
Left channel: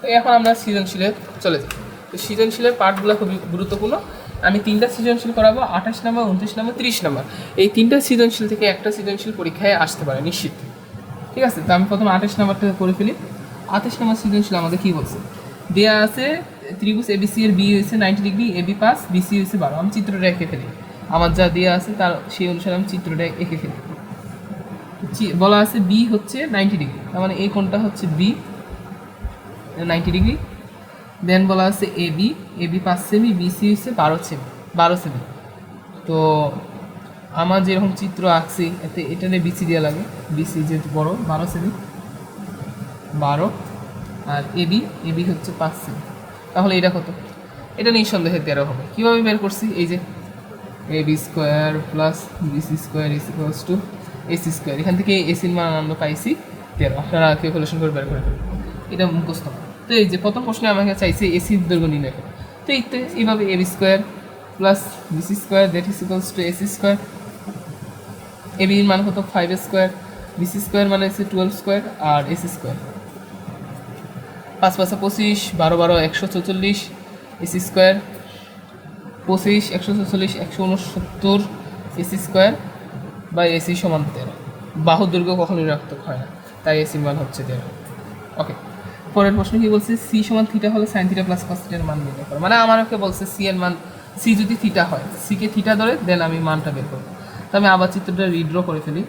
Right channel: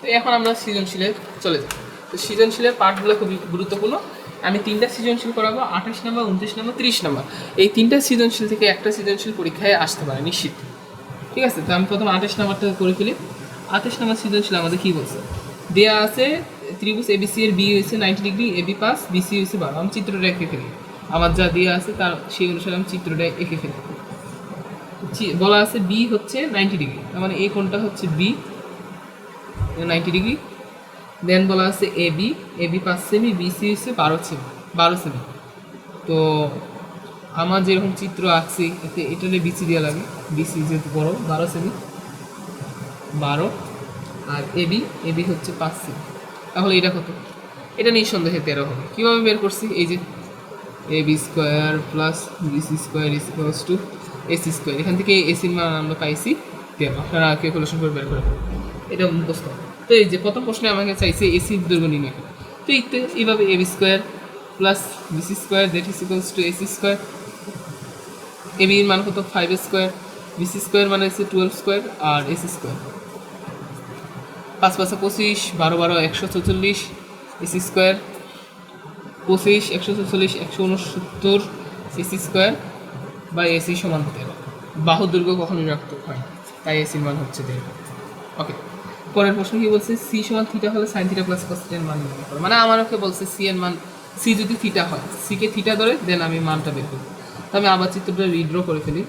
তো এখন আমরা সৃজনশীলে চলে যাই। তো সৃজনশীলের পার্টগুলো খুবই গুরুত্বপূর্ণ। আমি 3টা সৃজনশীল করাবো, 28 নম্বর, 29 নম্বর, 30 নম্বর। এই 3টা সৃজনশীল থেকে একটা সৃজনশীল পরীক্ষায় আসতে পারে নিশ্চিত। ঠিক আছে, তো আমি প্রথমে 28 নম্বরটা করে ফেলি। 28 নম্বর সৃজনশীল আমাদের কী বলছে? দেওয়া আছে ত্রিভুজ এবিসি এর বি হয়েছে 90 ডিগ্রি, এবি পাস, বিসি হয়েছে 12। আমি চিত্রটা এঁকে ফেলি, আমার যা দেওয়া আছে তার সেই অনুসারে আমি চিত্রটা এঁকে ফেলি। বলা আছে বি হচ্ছে 90 ডিগ্রি, তার মানে এই কোণটা হচ্ছে বি 90 ডিগ্রি। দেন বলা আছে এবি, এবি 5 সেমি, বিসি হচ্ছে 12 সেমি। তো আমার যেরকম চিত্র আঁকছি এতে এটারে বিসি দেওয়া লাগে, বিসি যেহেতু বড় 12 সেমি, 12, আর এবি, এবি হচ্ছে 5 সেমি। তাহলে এটা কত? এটা নিঃসন্দেহে 13 হবে। কীভাবে বের করছি? এই যে AB square plus BC square is equals to AC square, এখান থেকে এসির মান আমরা পাইছি 13। আপনারা ক্যালকুলেশন করে বের করে এটা মুখস্থ। তো এই যে প্রথম প্রশ্নে আমাকে চাইছে এসির দৈর্ঘ্য নির্ণয় করে, তো এইভাবে AB square plus BC square that is equals to AC square. এবির মান কত 5 স্কোয়ার, বিসি স্কোয়ার মানে হচ্ছে 12 স্কোয়ার, আর AC square 5 5 25, 12 12 144, AC square 25 144 169 AC square বা এসি সমান 13। বাহুর দৈর্ঘ্য কখনোই রাখতে হয় না, তাই এসির মান হচ্ছে 13। ওকে, পরের প্রশ্ন কি বলছে, সি সমান থিটা হলে সাইন থিটা প্লাস কস থিটার মান নির্ণয় করো। মানে আমার ওকে বলছে সি এর মান, সি যদি থিটা হয়, সিকে থিটা ধরে দেন আমি মানটা বের করবো। তো আমি আবার চিত্রটা রিড্র করে ফেলি।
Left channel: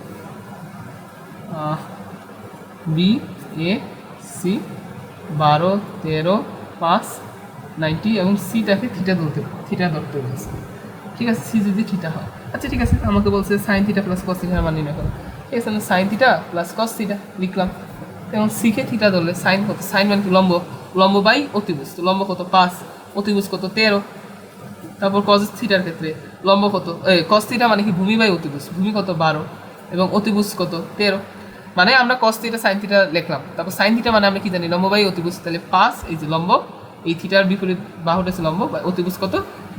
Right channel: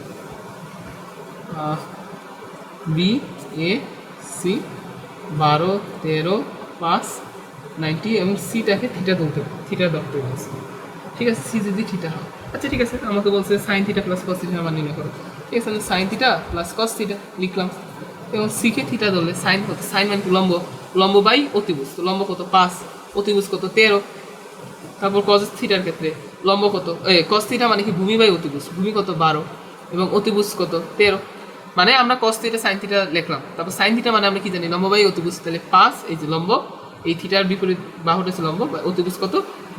বি এ সি 12 13 5 90 এবং সিটাকে থিটা ধরতে বলছে। ঠিক আছে, সি যদি থিটা হয়, আচ্ছা ঠিক আছে, আমাকে বলছে সাইন থিটা প্লাস কস থিটার মান নির্ণয় করো। ঠিক আছে, আমি sine theta plus cos theta লিখলাম এবং সিকে থিটা ধরলে সাইন কত, সাইন মানে কি লম্ব, লম্ব বাই অতিভুজ, তো লম্ব কত 5, অতিভুজ কত 13। তারপর কস থিটার ক্ষেত্রে লম্ব কত, কস থিটা মানে কি ভূমি বাই অতিভুজ, ভূমি কত 12 এবং অতিভুজ কত 13। মানে আমরা কস থিটা সাইন থিটা লিখলাম, তারপর সাইন থিটা মানে আমরা কি জানি লম্ব বাই অতিভুজ, তাহলে 5, এই যে লম্ব, এই থিটার বিপরীত বাহুটা হচ্ছে লম্ব, অতিভুজ কত,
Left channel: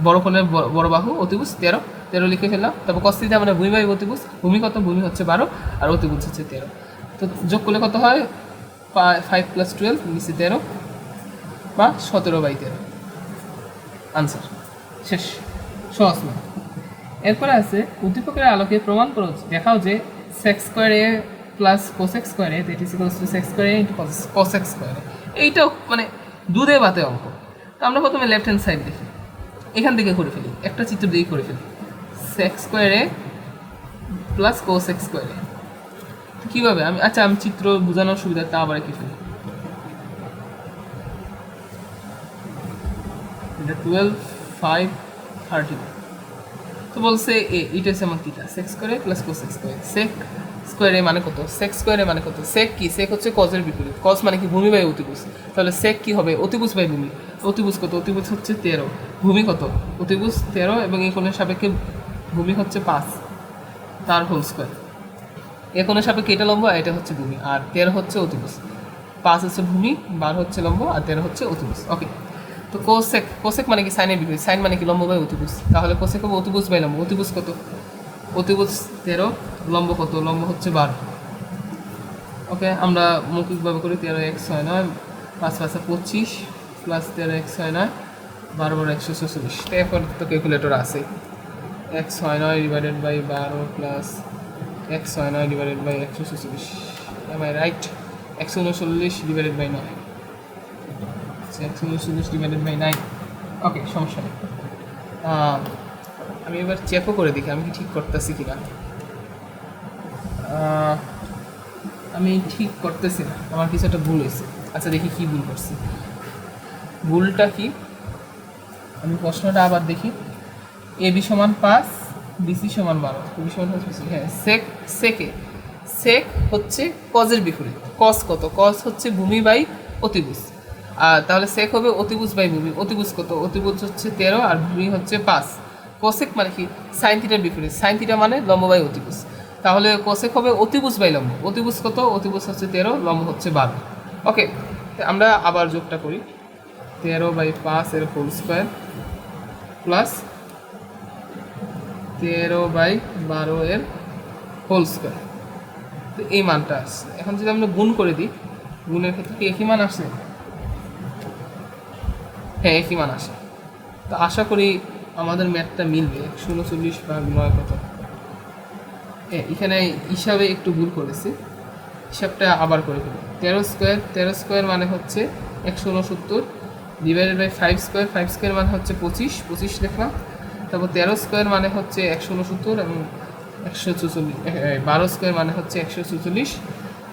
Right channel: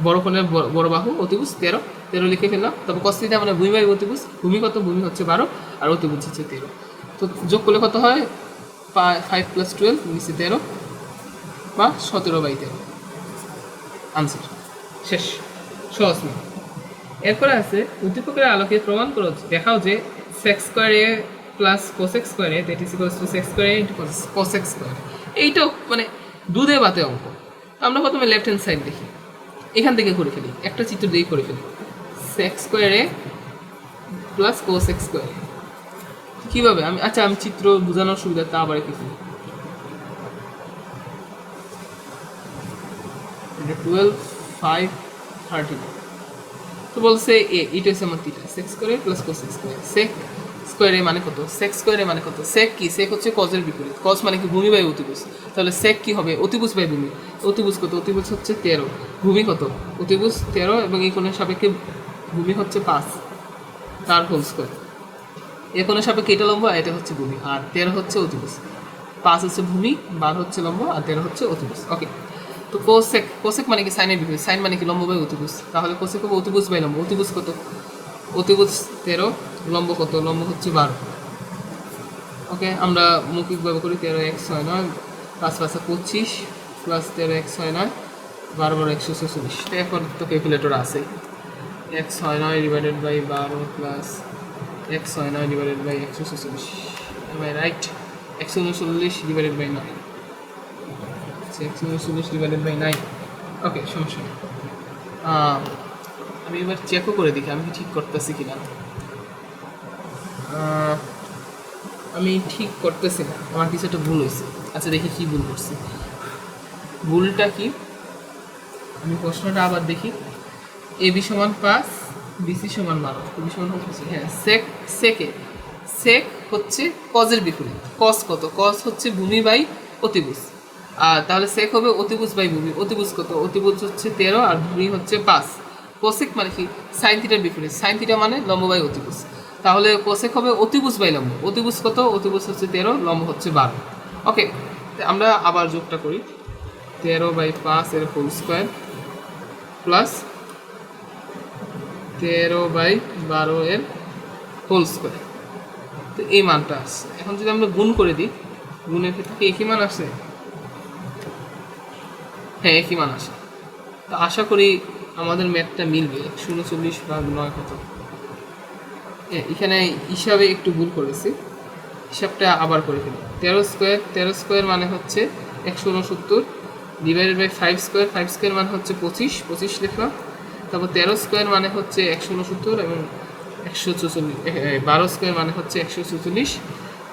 বড় কোণের বড় বাহু অতিভুজ 13 লিখে ফেললাম। তারপর কস থিটা মানে ভূমি বাই অতিভুজ, ভূমি কত, ভূমি হচ্ছে 12 আর অতিভুজ হচ্ছে 13। তো যোগ করলে কত হয় 5 + 12 নিচে 13 বা 17/13 আনসার শেষ, সহজ না। এরপরে আছে উদ্দীপকের আলোকে প্রমাণ করো, দেখাও যে sex square A plus cosec square A that is equals two sex square A into cosec square. এইটাও মানে দুধে ভাতে অঙ্ক। তো আমরা প্রথমে লেফট হ্যান্ড সাইড দেখি, এখান থেকে করে ফেলি, একটা চিত্র দিয়ে করে ফেলি, sex square A plus cosec square এ। কীভাবে আমি, আচ্ছা আমি চিত্র বোঝানোর সুবিধা তা আবার কি ফেলি, এটা 12 5 13। তো বলছে এটা হচ্ছে আমার theta, sec square A plus cosec square. Sec square A মানে কত, সেক্স স্কোয়ার এ মানে কত, সেক কি, সেক হচ্ছে কজের বিপরীত, কজ মানে কি ভূমি বাই অতিভুজ, তাহলে সেক কি হবে অতিভুজ বাই ভূমি, অতিভুজ কত, অতিভুজ হচ্ছে 13, ভূমি কত, অতিভুজ 13 এবং এই কোণের সাপেক্ষে ভূমি হচ্ছে 5, তার হোল স্কোয়ার। এ কোণের সাপেক্ষে এটা লম্ব, এটা হচ্ছে ভূমি, আর 13 হচ্ছে অতিভুজ, 5 হচ্ছে ভূমি, 12 হচ্ছে লম্ব, আর 13 হচ্ছে অতিভুজ। ওকে, তো কোসেক, কোসেক মানে কি সাইনের বিপরীত, সাইন মানে কি লম্ব বাই অতিভুজ, তাহলে কোসেক হবে অতিভুজ বাই লম্ব, অতিভুজ কত, অতিভুজ 13, লম্ব কত, লম্ব হচ্ছে 12। ওকে, আমরা মৌখিকভাবে করি 13 1 6 9 5 5 25 প্লাস 13 1 6 9 12 12 144। তো এখন তো ক্যালকুলেটর আছে, 1 6 9 ডিভাইডেড বাই 12 প্লাস 1 6 9 divided by 144, am I right, 139 divided by 9, 139 divided by 9। Okay, সমস্যা নেই। আমি এবার চেকও করে দেখি আমি কি ঠিক করতেছি কিনা। আমি ঠিক করতেছি না, আমার কিছু একটা ভুল হয়েছে। আচ্ছা দেখি কি ভুল করছি, ভুলটা কি, আমি প্রশ্নটা আবার দেখি। এবি সমান 5, বিসি সমান 12, এবি সমান হচ্ছে, হ্যাঁ সেক, সেক হচ্ছে কজের বিপরীত, কস কত, কস হচ্ছে ভূমি বাই অতিভুজ, আর তাহলে সেক হবে অতিভুজ বাই ভূমি, অতিভুজ কত, অতিভুজ হচ্ছে 13 আর ভূমি হচ্ছে 5। কোসেক মানে কি সাইন থিটার বিপরীত, সাইন থিটা মানে লম্ব বাই অতিভুজ, তাহলে কোসেক হবে অতিভুজ বাই লম্ব, অতিভুজ কত, অতিভুজ হচ্ছে 13, লম্ব হচ্ছে 12। ওকে, আমরা আবার যোগটা করি, 13/5 এর হোল স্কোয়ার প্লাস 13/12 এর হোল স্কোয়ার। তো এই মানটা আসছে, এখন যদি আমরা গুণ করে দিই, গুণের ক্ষেত্রে কি একই মান আসে, হ্যাঁ একই মান আসে। তো আশা করি আমাদের ম্যাথটা মিলবে। 139/9 কত, এখানে হিসাবে একটু ভুল করেছি, হিসাবটা আবার করে ফেলি। 13 স্কোয়ার মানে হচ্ছে 169 ডিভাইডেড বাই 5 স্কোয়ার মানে হচ্ছে 25 লিখলাম। তারপর 13 স্কোয়ার মানে হচ্ছে 169 এবং 144, 12 স্কোয়ার মানে হচ্ছে 144।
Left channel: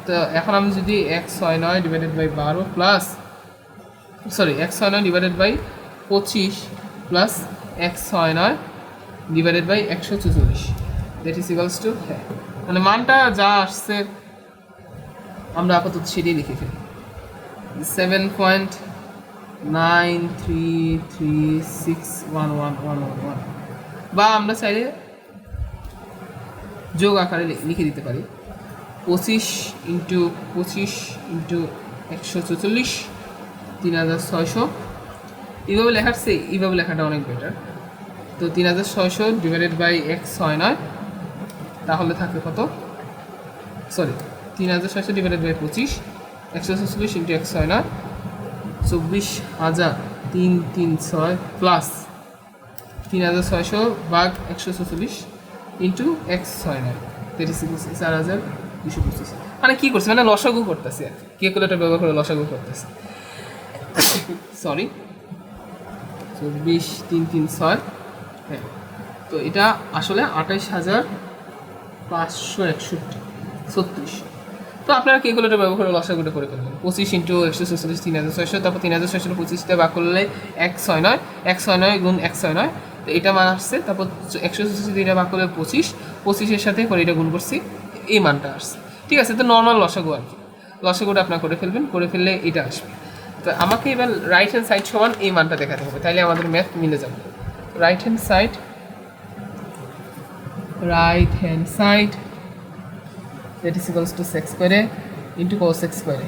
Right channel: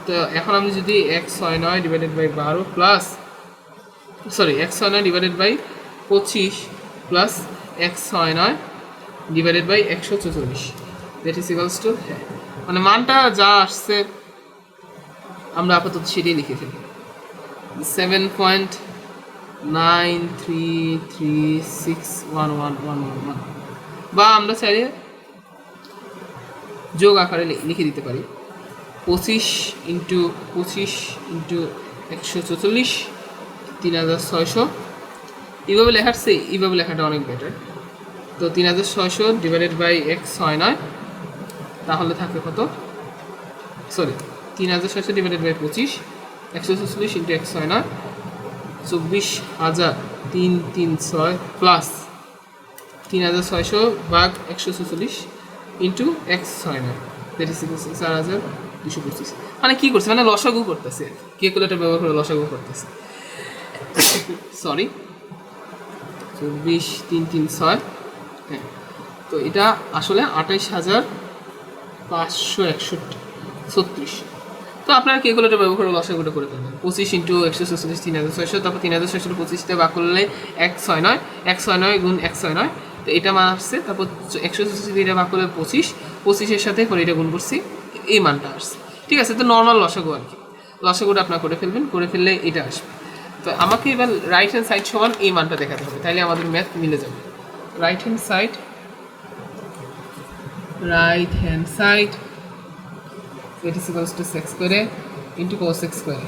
তো এখন আমি যদি 169 divided by 12 plus, sorry 169 divided by 25 plus 169 divided by 144 that is equals to, হ্যাঁ মানে মানটা যা আসছে আমরা আপাতত সেটাই লিখে ফেলি, 7.93361111, বা আমরা চাইলে যোগ আকারে লিখে দিতে পারি 25 ইন্টু 25 ইন্টু 144 3600। এইভাবে লেখাচ্ছে, এইভাবে লেখাটা অনেক বেটার। তো 3600 ডিভাইডেড বাই 169, তাহলে থাকবে কত, sorry 3600 divided by 25 144 into 169, 24,336 plus 3600 ভাগ 144 ইন্টু 169, দ্যাট ইজ 4225। মানে কী করছে, মানে লসাগু করতেছে, ক্যালকুলেটর ব্যবহার করে লসাগু করতেছে, সরি 24,336। হ্যাঁ, তো এটা আসলে 28,561 তো আপনারা ক্যালকুলেটর ব্যবহার করে লসাগুটা করে ফেলবেন। 25 ইন্টু 144 3600, তারপর 3600 25টা ভাগ করলে 169, 169 গুণ 169, তো এটা মান আসছে। তারপর 144 এটা ভাগ করলে 25, 25-এর সাথে করে এটা গুণ করছি, এই মানটা আসছে। ঠিক আছে, তো নর্মাল লসাগু আর কি, লসাগুটা আপনারা করে ফেলবেন, করে ফেললে এটা আসবে। তো আমাকে এবার রাইট হ্যান্ড সাইড সমান এই মানটা দেখাতে হবে, তাহলে আমাদের ম্যাথ মিলে যাবে। Right hand side that is equals to sec square into cosec square।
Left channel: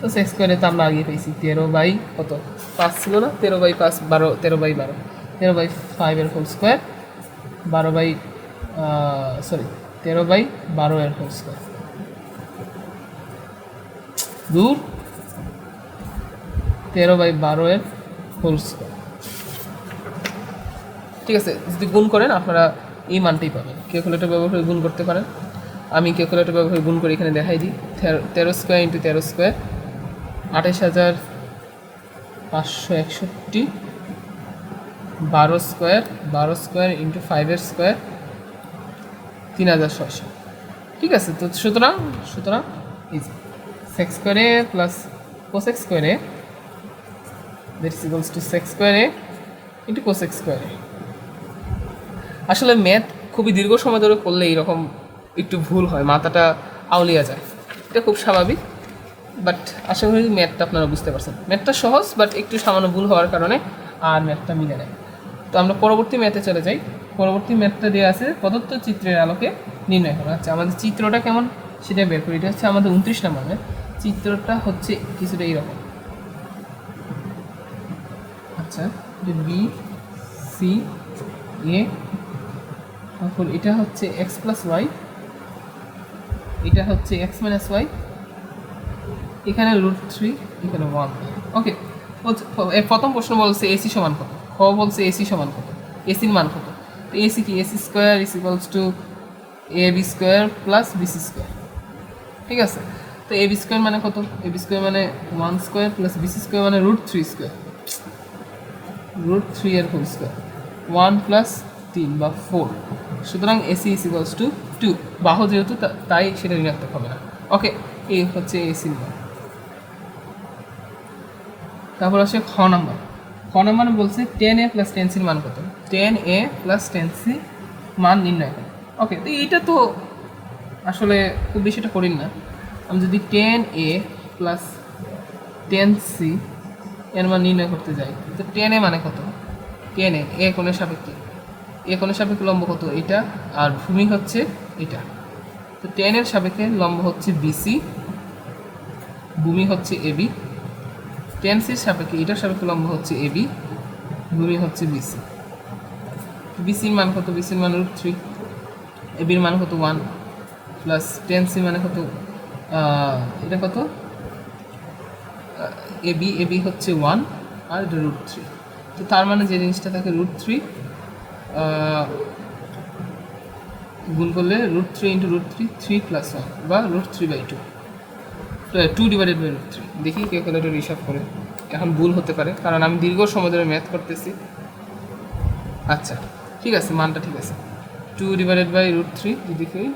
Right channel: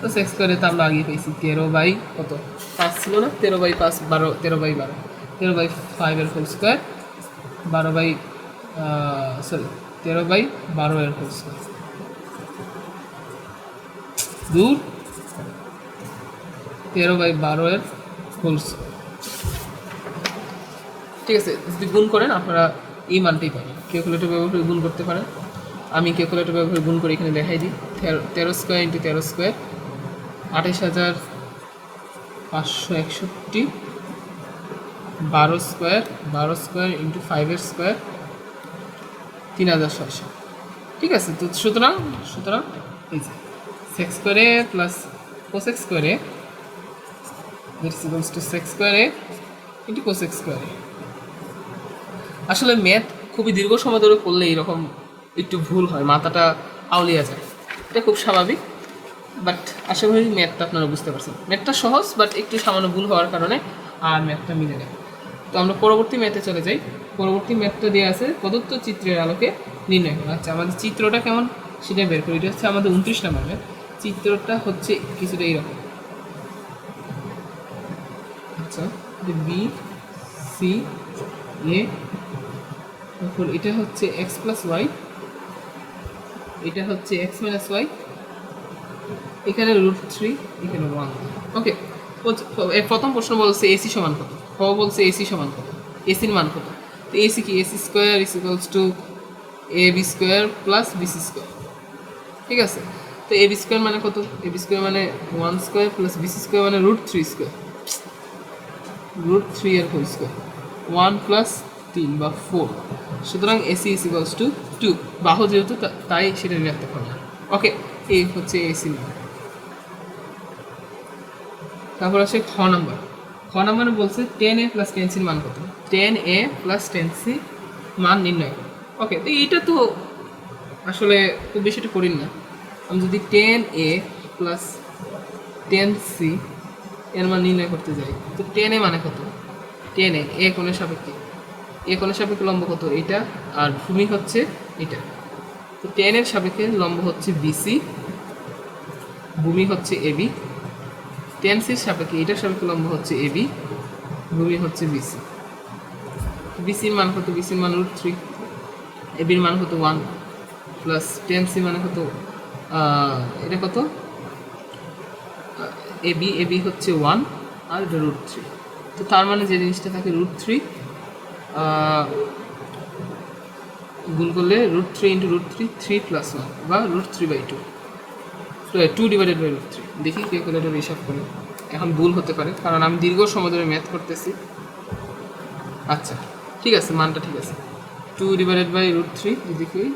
তো sec square তো আমরা আগে পেয়েছি 13 বাই কত 5 ছিল না, 13 বাই 5 12, 13 বাই 12, 13 বাই 5 এর হোল স্কোয়ার, 12 বাই 13 বাই 12 এর হোল স্কোয়ার, দূর 13 বাই 12 এর হোল স্কোয়ার। ঠিক আছে, যদি গুণ করেন আপনারা এই মানটাই পাবেন। ক্যালকুলেটর ব্যবহার করে গুণ করতে পারেন, আমি ক্যালকুলেটর ব্যবহার করে গুণ করে এখানে দেখাই দিই। 13 square into 13 square 28,561, 12 square into 5 square 3,600। ঠিক আছে, তো সুতরাং এই যে সেক স্কোয়ারে প্লাস কোসেক স্কোয়ারে দ্যাট ইজ ইকুয়ালস টু সেক স্কোয়ারে ইন্টু কোসেক স্কোয়ারে। আসলে ম্যাথ খুবই দীর্ঘ সময় ধরে করলে এইরকম একটু ভুল হয়, মাথাটা আউলিয়া যায়, এটা খুব স্বাভাবিক। বাট আশা করি ম্যাথটা আপনারা বুঝতে পারছেন। ম্যাথটা সহজ, বাট একটু সামান্য ভুল হওয়ার কারণে আর ম্যাথটা মিলে নেয়। তো আমরা পরবর্তী ম্যাথে চলে যাই। পরবর্তী ম্যাথটা দেওয়া আছে প্রদত্ত চিত্রের আলোকে নির্ণয় করা। আচ্ছা, আমাদের চিত্রটা কেমন সেটা বের করি। এটা হচ্ছে আমাদের 29 নম্বর ম্যাথ। চিত্রটা হচ্ছে কিছুটা এইরকম। আচ্ছা, বি সি এ, তারপর এটা হচ্ছে এক্স প্লাস ওয়াই, এটা হচ্ছে এক্স মাইনাস ওয়াই, এখানে √3, এখানে 1। ওকে, প্রথম প্রশ্ন বলছে এসি সমান কত, খ বলছে এসি সমান কত, এসির মান কত। তো এসি কি, AC square is equals to A B square plus BC square. ঠিক আছে, তো এ বি স্কোয়ার মানে কত, এ বি স্কোয়ার মানে 1 স্কোয়ার প্লাস বিসি স্কোয়ার মানে √3 স্কোয়ার, √3 এর হোল স্কোয়ার, 1 প্লাস 3 বা 4। সুতরাং এসি ইজ ইকুয়ালস টু 2, বাহু যেহেতু তাই সেটা ঋণাত্মক হবে না। ওকে, এই হচ্ছে এসির মান। তারপর আসে খ নাম্বার। খ নাম্বার বলছে 10a প্লাস 10cর মান কত, 10a প্লাস 10c মান নির্ণয় করো। ওকে, তো এইটা তো আসলে খুব বেশিটা করিন না। আমি যদি 10a প্লাস 10c এর মান নির্ণয় করতে যাই, তো 10a মানে কত, 10a এ কোণের সাপেক্ষে, এ কোণের সাপেক্ষে লম্ব কত, এটা, আর ভূমি হচ্ছে এটা। তো 10 এর সাপেক্ষে লম্ব হচ্ছে বিসি, ভূমি হচ্ছে এবি। 10cর সাপেক্ষে এটার সাপেক্ষে লম্ব হচ্ছে এবি, ভূমি হচ্ছে বিসি। বিসির মান কত, বিসির মান √3, এবির মান কত 1 প্লাস 10c মানে কত, এটা কত, এবি হচ্ছে 1 আর এটা √3। তো তার মানে যে জিনিসটা থাকে √3 গুণ করলে √3 ইন্টু √3 3 প্লাস 1 বা √3/2, 2 ডিভাইডেড বাই √3। দেখি ক্যালকুলেটর হিসাব করে, এখন ভুল হতে পারে কারণ আমি দীর্ঘ সময় ধরে ম্যাথ করতেছি। আচ্ছা, ঠিক আছে, মানটা ঠিক আছে, 2 ডিভাইডেড বাই √3। যদি কই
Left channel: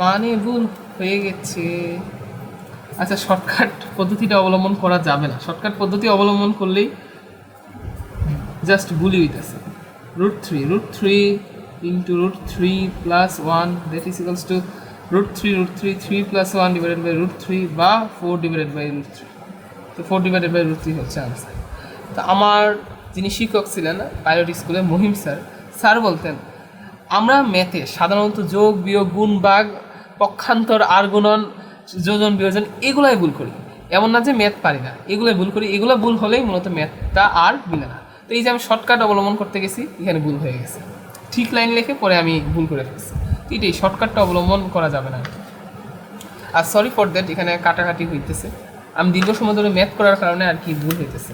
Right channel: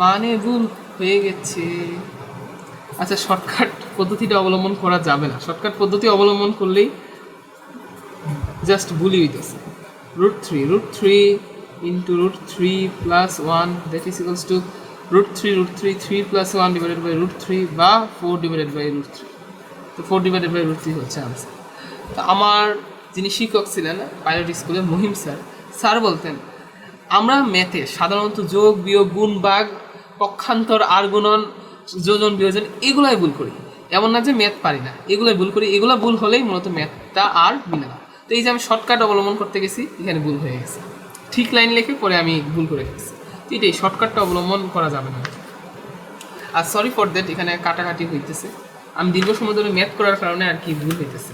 মানে ভুল হয়ে গেছে। আচ্ছা, শর্টকাট পদ্ধতিটা অবলম্বন করা যাবে না, শর্টকাট পদ্ধতি অবলম্বন করলেই জাস্ট ভুলই হইতেছে। √3 into √3 plus 1 that is equals to √3 plus 1 divided by √3 বা 4 ডিভাইডেড বাই √3। তো 4 ডিভাইডেড বাই √3 হচ্ছে আনসার। তো আমার যিনি শিক্ষক ছিলেন পাইলট স্কুলে, মহিম স্যার বলতেন আমরা ম্যাথে সাধারণত যোগ বিয়োগ গুণ ভাগ পক্ষান্তর আর গুণন যোজন বিয়োজন এগুলাই ভুল করি। এমন না যে ম্যাথ পারি না, এগুলাই ভুল করি। এগুলো ভুল হলেই মূলত ম্যাথটা আর মিলে না। তো এই যে আমি শর্টকাট অবলম্বন করতে গেছি, এখানে ভুল হয়ে গেছে, ঠিক লাইন লিখে পরে আমি ভুল করে ফেলছি। তো এটাই শর্টকাটটা অবলম্বন করা যাবে না। আর সরি ফর দ্যাট, এখানে কাটাকাটি হইতেছে, আমি দীর্ঘ সময় ধরে ম্যাথ করার কারণে আর কি ভুল হইতেছে।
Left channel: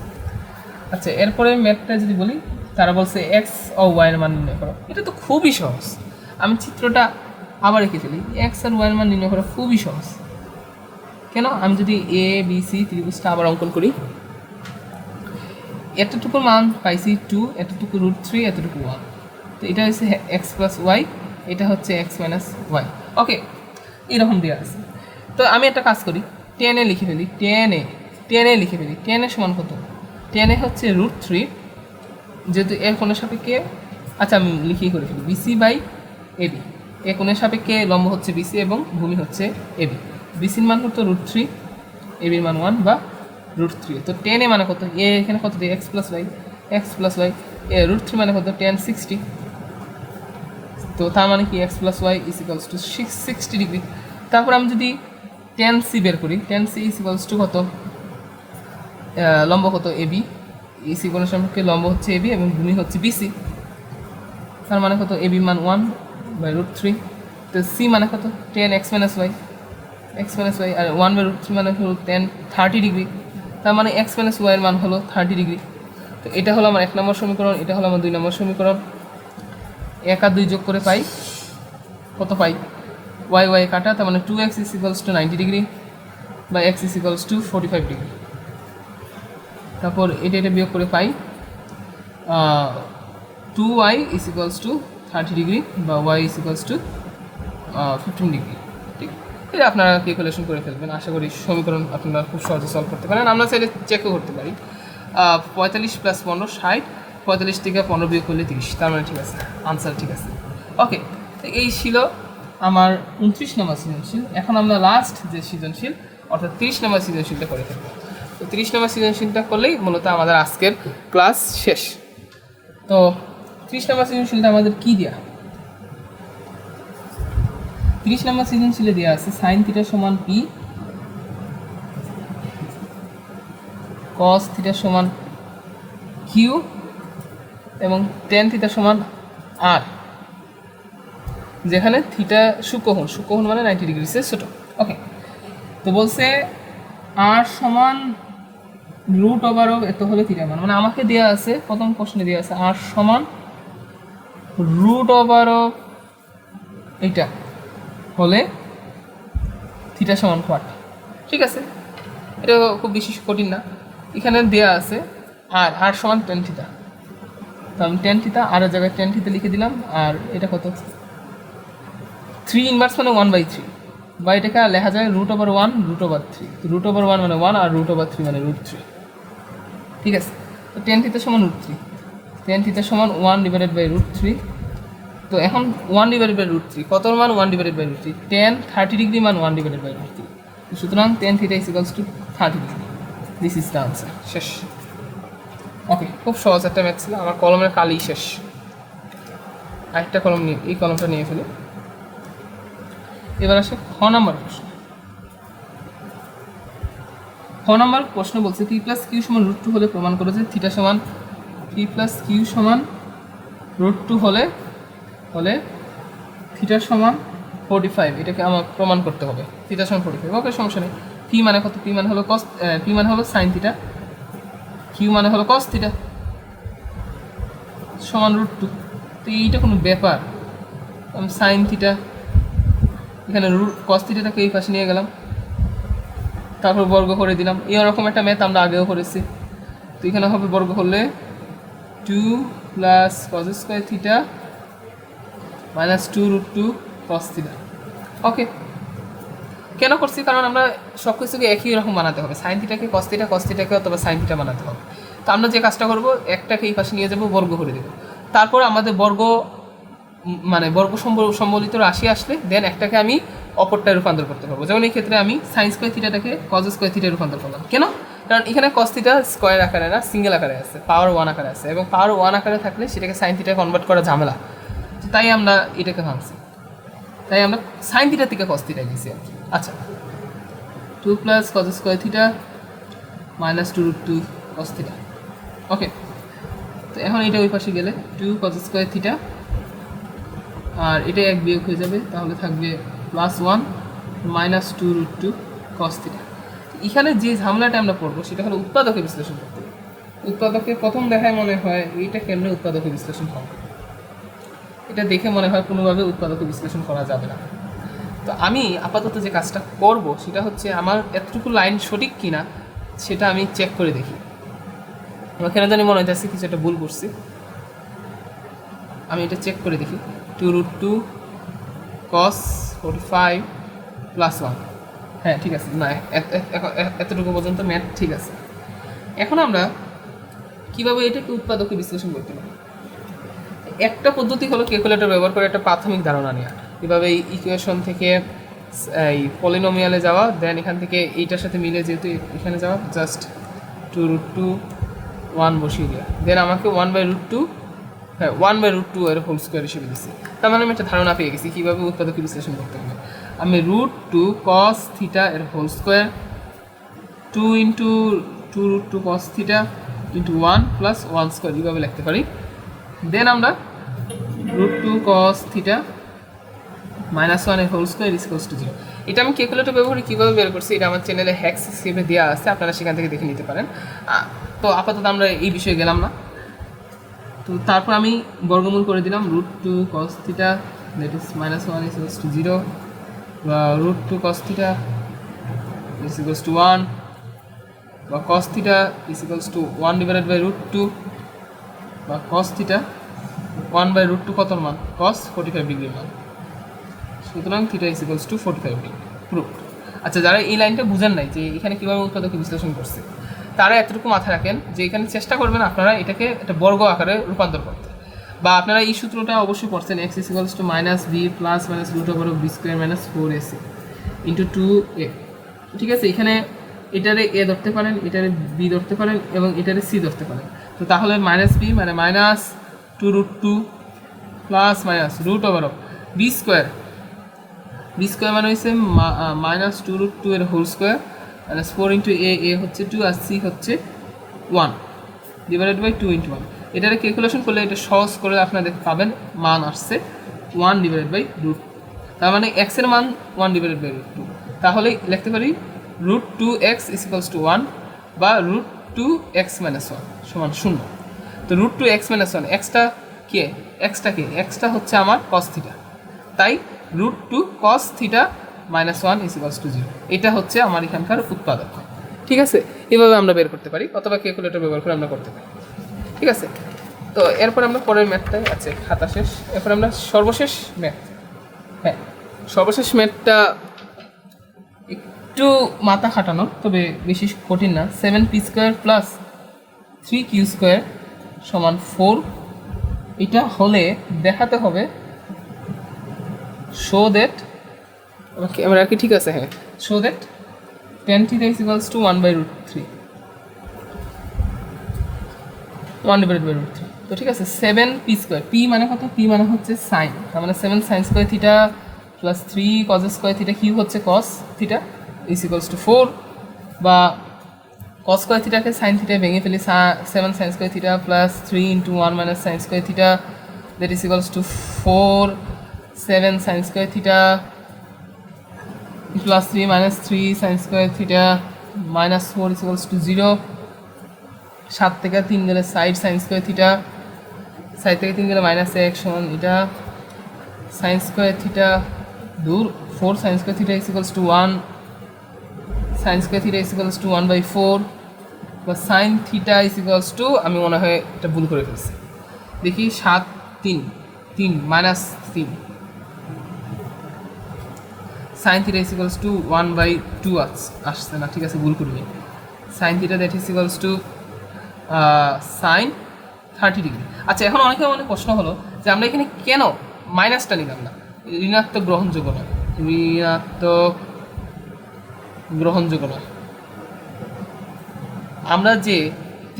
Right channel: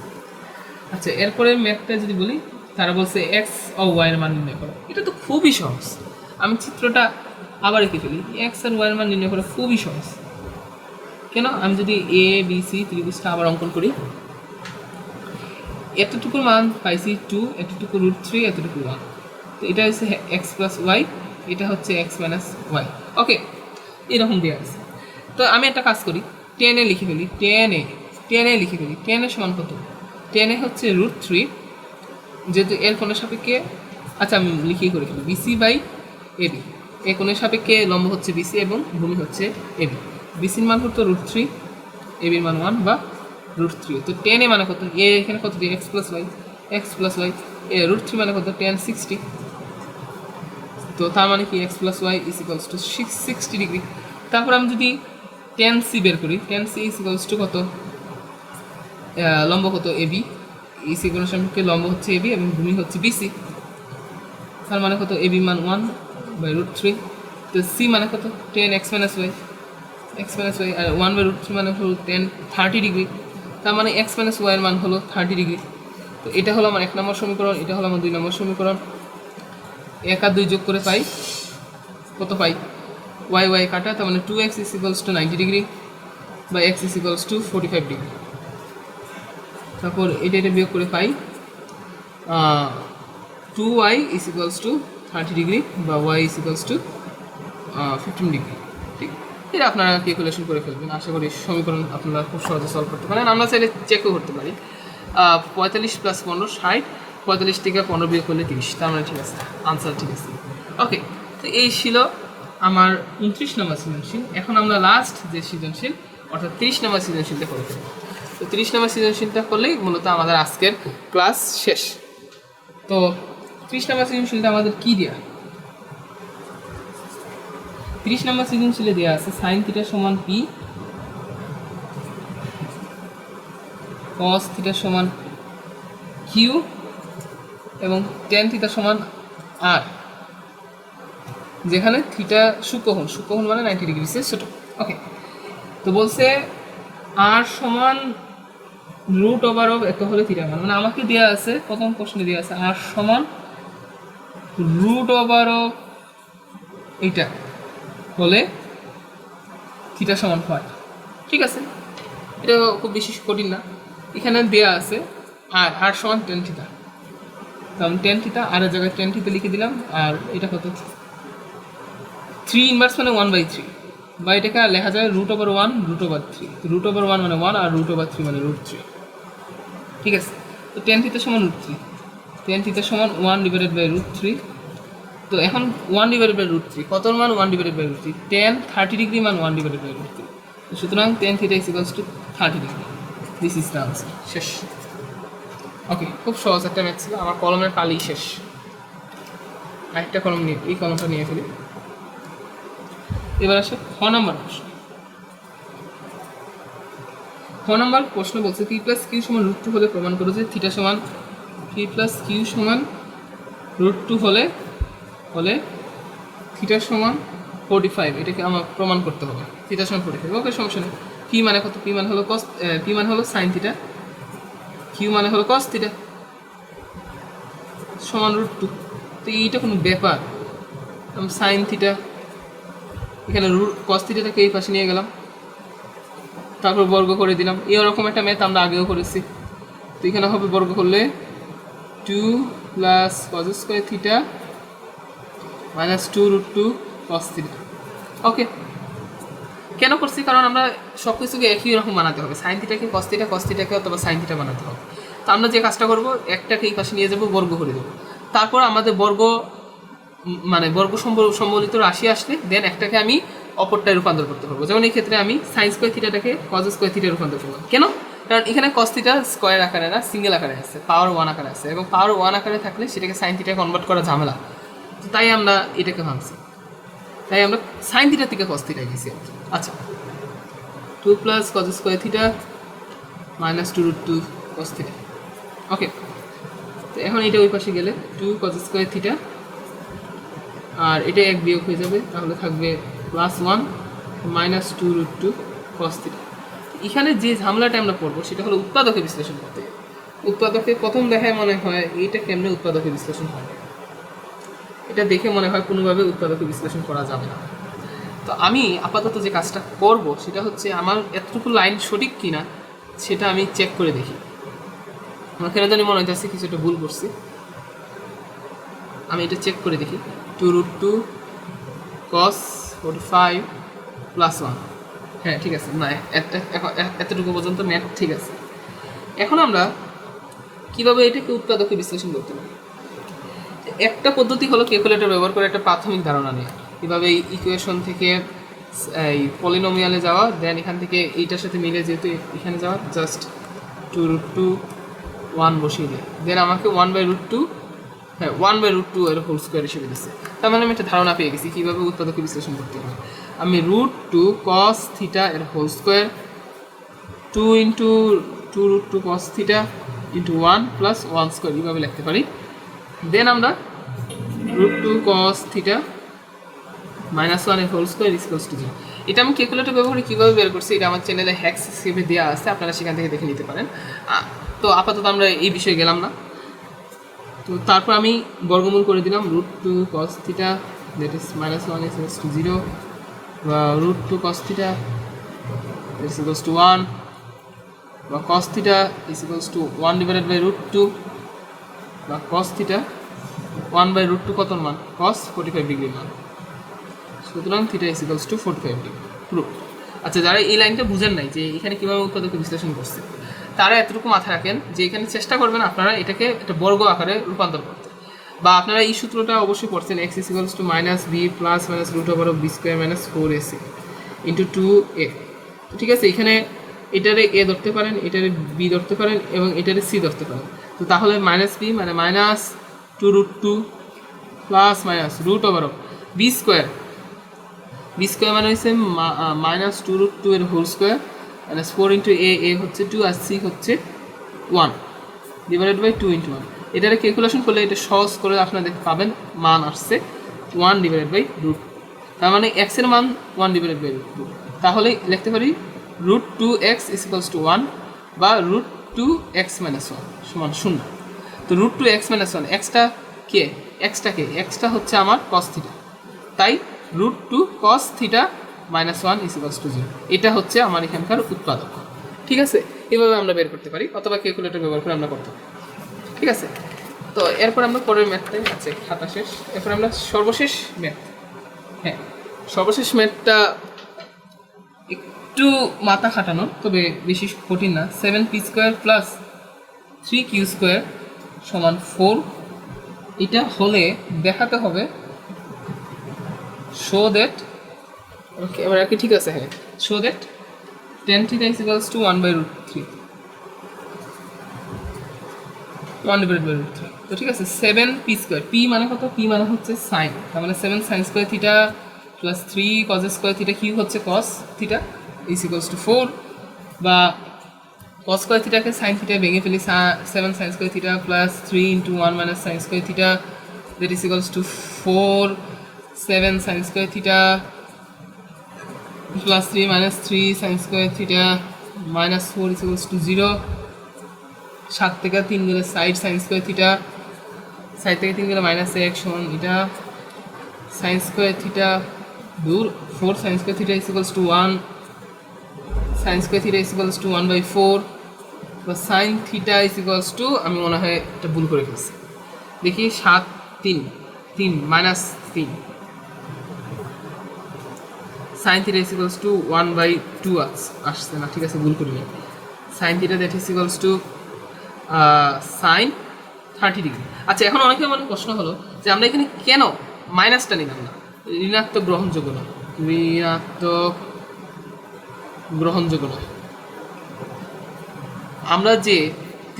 আচ্ছা, এরপরে ম্যাথটা যদি বলি, তারা বলছে এক্স ও ওয়াইয়ের মান নির্ণয় করা। এটা তো খুবই সহজ। আমি চিত্রটা আবার রেখে ফেলি। এক্স আর ওয়াইয়ের মান নির্ণয় করা খুবই সহজ। কেন? আমি যদি এ বি সি ত্রিভুজটা আবার অঙ্কন করি, এতটুকুর মান পাইছি 2, এতটুকু √3, এতটুকু 1। তো এটা হচ্ছে এক্স প্লাস ওয়াই, এটা হচ্ছে এক্স মাইনাস ওয়াই। ওকে, এরকম দেওয়া আছে। তো আমি একটা কাজ করি, 10 লিখে ফেলি। 10 লিখে ফেলি। 10 সমান কত? 10 হচ্ছে √3, যেহেতু এর কোণের সাপেক্ষে, আচ্ছা আমি লিখিয়ে করে ফেলি, বিসি বাই এবি। এর কোণের সাপেক্ষে লম্ব হচ্ছে বিসি এবং ভূমি হচ্ছে এবি। বিসির মান কত? √3, এবির মান 1 বা √3। তো 10 মানে কত? এ এখানে কত দিই? এক্স প্লাস ওয়াই, এ √3 মানে কত? 1060। তো তার মানে কি X plus Y is equals to 60 degree. তারপর আমি যদি 10c বের করি, 10c ইজ ইকুয়ালস টু কত? লম্ব কত? এবি। ইসি কোণের সাপেক্ষে লম্ব হচ্ছে এবি এবং ভূমি হচ্ছে বিসি। তার মানে কত? এবি মান 1 বাই √3। তো সি মানে কত? 10 এক্স মাইনাস ওয়াই, আর 1 বাই √3 মানে হলো 30 ডিগ্রি। তার মানে এক্স মাইনাস ওয়াইয়ের মান হলো 30 ডিগ্রি। তো এটা হলো আমার 1 নম্বর সমীকরণ, এটা হলো আমার 2 নম্বর সমীকরণ। 1 আর 2 যোগ করে পাই কত? পাই ওয়াই কাটা, তার মানে 2x is equals to 90 degree বা x is equals two 45 degree. তারপর এটা বিয়োগ করে পাই 2y is equals two 30 degree বা y is equals two 15 degree. ঠিক, এটা আপনারা ক্যালকুলেশন করে ফেলবেন। আশা করি সমীকরণ আপনারা খুব সহজে সলভ করতে পারেন। আমরা চাইলে চেকও করতে পারি। 45 প্লাস 15 60, 45 থেকে 15 বিয়োগ করলে 30। তার মানে ঠিক আছে, আনসার ঠিক আছে। ওকে, তো এই ছিল আমার 29 নম্বর সৃজনশীল। এখন আমরা লাস্ট যে সৃজনশীল অর্থাৎ 30 নম্বর সৃজনশীলটা করে ফেলব। তো 30 নম্বর সৃজনশীলটা করলেই মূলত আমাদের আজকের ক্লাস শেষ। তো 30 নম্বর সৃজনশীলটা আমাদের কী দেওয়া? 30 নম্বর সৃজনশীলে দেওয়া আছে সাইন থিটা সমান পি, কস থিটা সমান কিউ এবং টেন থিটা সমান আর, যেখানে থিটা সূক্ষ্মকোণ মানে 90 ডিগ্রিসের ছোটো। ওকে, তো বলছে আর সমান √ওভার এত হলে থিটা মান, মানে আমাকে দেওয়া আছে প্রথম প্রশ্নে দেওয়া আছে আর সমান √ওভার এইটা হলে থিটা সমান কত। ঠিক আছে, এটা খুব বেশি কঠিন না। এখানে দেওয়া আছে আর সমান টেন থিটা, কারণ টেন থিটা আর জায়গায় টেন থিটা লিখে দিলাম। আর এটা কত? 3 ইনভার্স মানে 1/3, বা এটাকে লেখা যায় √1 √3। তো √1 মানে 1 আর √3 মানে √3। ঠিক আছে, তো টেন থিটা সমান √3, টেন থিটা সমান 1/√3। তো এখন 1/√3 কত মান? 1/√3। 30 ডিগ্রি মান 1/√3। সুতরাং tan theta is equals two 30 degree. This is the answer. শেষ। ওকে, খুব সহজ একটা ম্যাথ ছিল। আমার কলমের কালি শেষ। আরেকটা কলম নিয়ে, এই কলমটা নিয়ে ফেলি। এবার আসে খ নাম্বার প্রশ্ন। খ নাম্বার প্রশ্ন বলছে পি প্লাস কিউ সমান √2 হলে প্রমাণ করো যে থিটা সমান, পি প্লাস কিউ সমান √2 হলে থিটা সমান 45। এটাকে আমার প্রমাণ করতে হবে। থিটা সমান 45। ওকে, সমস্যা নেই। পি মানে কত? পি মানে হলো কস, পি মানে হলো সাইন থিটা, কিউ মানে হলো কস থিটা সমান √2। তো এইটা কোনো ব্যাপার? আমি সাইন থিটা এখানে কস থিটাটাকে এই পাশে নিয়ে গেলাম, তারপর বর্গ করে দিলাম। এরকম একটা ম্যাথ আমরা আগেও করেছি। তো এখানে হবে বর্গ করলে 2 plus cos square theta minus 2√2 cos theta. Okay, কেন করছি? কারণ আমরা সব কিছুকে একই রকম বানাতে হবে। সাইন থিটাকে কস থিটা, কস থিটাকে অথবা সাইন থিটা বানাতে হবে। তো আমরা যে কাজটা করব, একটাকে এই পাশে নিয়ে যাব, বর্গ করে দেবো। তারপর আমাদের বর্গ মানে বর্গ সম্বলিত রাশি আসলে দেন একটাকে আমি অপরটায় রূপান্তর করতে পারবো। যেমন এই ক্ষেত্রে আমি সাইন স্কোয়ার থিটাটাকে কস স্কোয়ার থিটায় রূপান্তর করলাম। কেন? কারণ এখানে কস থিটা স্কোয়ার আকারে না, সিঙ্গেল আকারে আছে, পাওয়ার 1 আকারে আছে, এবং পাওয়ার 1 আকারে থাকলে সেটাকে সাইন থিটায় কনভার্ট করা ঝামেলা। তো তাই আমরা এটাকে ভাঙছি, তাই আমরা সাইন থিটা থেকে কস থিটা গেছি আর কি। আচ্ছা, 2 plus cos square theta minus 2√2 cos theta. Okay, তো এখন এটা ওই পাশে গেলে 2 কস স্কোয়ার থিটা, আর এটা এক বিয়োগ হয়ে যাবে, তাহলে থাকবে +1 মাইনাস 2√2 কস থিটা। এখানে যে ঝামেলাটা আমরা পড়বো সেটা হলো উৎপাদকে বিশ্লেষণ করতে। উৎপাদকে প্রথম দেখায় মনে হয় এইটা কেমনে উৎপাদকে বিশ্লেষণ হয়, এটা দেখে মনে হয় কোনোভাবে উৎপাদকে বিশ্লেষণ করা যাবে না। তো আমি আপাতত যে কাজটা করব সেটা হচ্ছে আমার এতটুকু লাইন সঠিক কিনা সেটা আমি চেক করে দেখি। আমার কেন জানি মনে হইতেছে কিছু একটা ভুল করছি, আমি এটা চেক করে দেখি। 2√2 cos 45 +1, হ্যাঁ ঠিক আছে, না এতটুকু পর্যন্ত ম্যাথ ঠিক আছে। এখন আমরা কীভাবে এটাকে উৎপাদকে বিশ্লেষণ করতে পারি? একটা পদ্ধতি হলো ক্যালকুলেটর ব্যবহার করে একটা প্রাথমিক ধারণা নেওয়া, এভাবে এই ইকুয়েশন থেকে এই পলিনোমিয়ালে যাওয়া, দেন এখান থেকে এইটার সাথে মিলে যেহেতু এখানে যাওয়া, জাস্ট 2√2 1 বসিয়ে দেওয়া, দেন আমাকে 1/√2, হ্যাঁ 1/√2 এর হোল স্কোয়ার হিসেবে দিচ্ছে। তার মানে আমি একটা ধারণা পেয়ে গেছি কীভাবে উৎপাদকে বিশ্লেষণ করতে হবে। আমি √2 cos থিটা এর হোল স্কোয়ার 2 × 2√2 cos থিটা × 1 + 1 স্কোয়ার এইভাবে লিখতে পারি। দেন আমরা √2 cos থিটা -1 এর হোল স্কোয়ার = 0। এটা আমি ক্যালকুলেটর ব্যবহারে কীভাবে বের করছি এটা আমার চ্যানেলে হ্যাক্স হিসেবে দেওয়া আছে, আপনারা সেখান থেকে দেখে নিতে পারেন। তো আপাতত আমরা এই বিষয়ে গেলাম না। তো তারপর আমি বর্গমূল করে দিলাম √2 cos থিটা দ্যাট ইজ -1 = 0, বা √2 cos থিটা = 1, বা cos থিটা = 1/√2, বা cos থিটা 1/√2 কত মান? cos 45 ডিগ্রি মান। সুতরাং থিটা = 45 ডিগ্রি প্রুফ। আচ্ছা, যারা এই লাইনটা বুঝেন নাই যে এখানে কীভাবে উৎপাদকে বিশ্লেষণ করছে, তারা এতটুকু মাথায় রাখেন যে এখানে চেষ্টা করবেন আপনারা এটাকে একটা বর্গ আকারে রূপান্তর করতে, বা আপনারা এই সূত্রটা অবশ্যই পড়ছেন, x = -b + √b² - 4ac × 2a। ঠিক আছে, এখানে এটারে a ধরতে পারেন, এটারে b ধরতে পারেন এবং এটারে c ধরতে পারেন। তো তাহলে -b মানে -2√2 + b² মানে হচ্ছে -2√2 এর হোল স্কোয়ার -4 × a হচ্ছে 2 আর c হচ্ছে 1 /2 × 1। এটারে ক্যালকুলেশন করলে এটা সহজ করে আপনাদের পাবেন, মান আসছে 1/√2। তার মানে x এর মান 1/√2। তাহলে লিখতে পারি √2x = 1 বা √2x - 1 = 0। তো √2x - 1 এক্সটা কে? এক্সটা হচ্ছে আমার cos থিটা, তাই √2 cos থিটা -1 = 0। এটা হচ্ছে আমার এখানকার উৎপাদক। ঠিক আছে, এভাবে আমরা বের করতে পারি, অথবা ক্যালকুলেটর ব্যবহার করে আমরা করতে পারি। ঠিক আছে, তো এরপর আমরা পরের ম্যাথটাই আছে, খাতা শেষ। এরপর আমরা সর্বশেষ ম্যাথ, হ্যাঁ সর্বশেষ ম্যাথটা একটু মাথা খাটানোর, তবে বেশি কঠিন না। 7p² + 3q² = 4। এটা হলে দেখাতে হবে শো দ্যাট, আমরা কি ঠিক আছে, হ্যাঁ শো দ্যাট tan θ = 1/√3। তো ঠিক আছে, 7p², p মানে কত? p মানে হচ্ছে সাইন, তার মানে 7 sin² θ + 3 cos² θ কি হচ্ছে cos θ = 4, বা cos² θ কে sin θ ভেঙে ফেলি, 7 sin² θ + 3 × 1 - sin² θ that is = 4, 7 sin² θ + 3 - 3 sin² θ -4 = 0। 7 থেকে 3 গেলে সাইড sin² θ, সাইড থেকে 3 গেলে -1 সমান এটা sin² θ দূর, 4 sin² θ = 1, sin² θ = 1/4, বা sin θ = আমি মনে হয় এটা ভুল করে ফেলছি, দেখি 7 3 3 -3 sin θ = 1/2 আসছে না, ঠিক আছে ভুল করিনি। sin θ that is equals to sin 30 degree. আচ্ছা, এখন অনেকের মনে প্রশ্ন হলো যে আমরা এখানে কেন মাইনাসটা নিলাম না? ঋণাত্মক গ্রহণযোগ্য নয়, ঋণাত্মক গ্রহণযোগ্য নয়। আমরা যে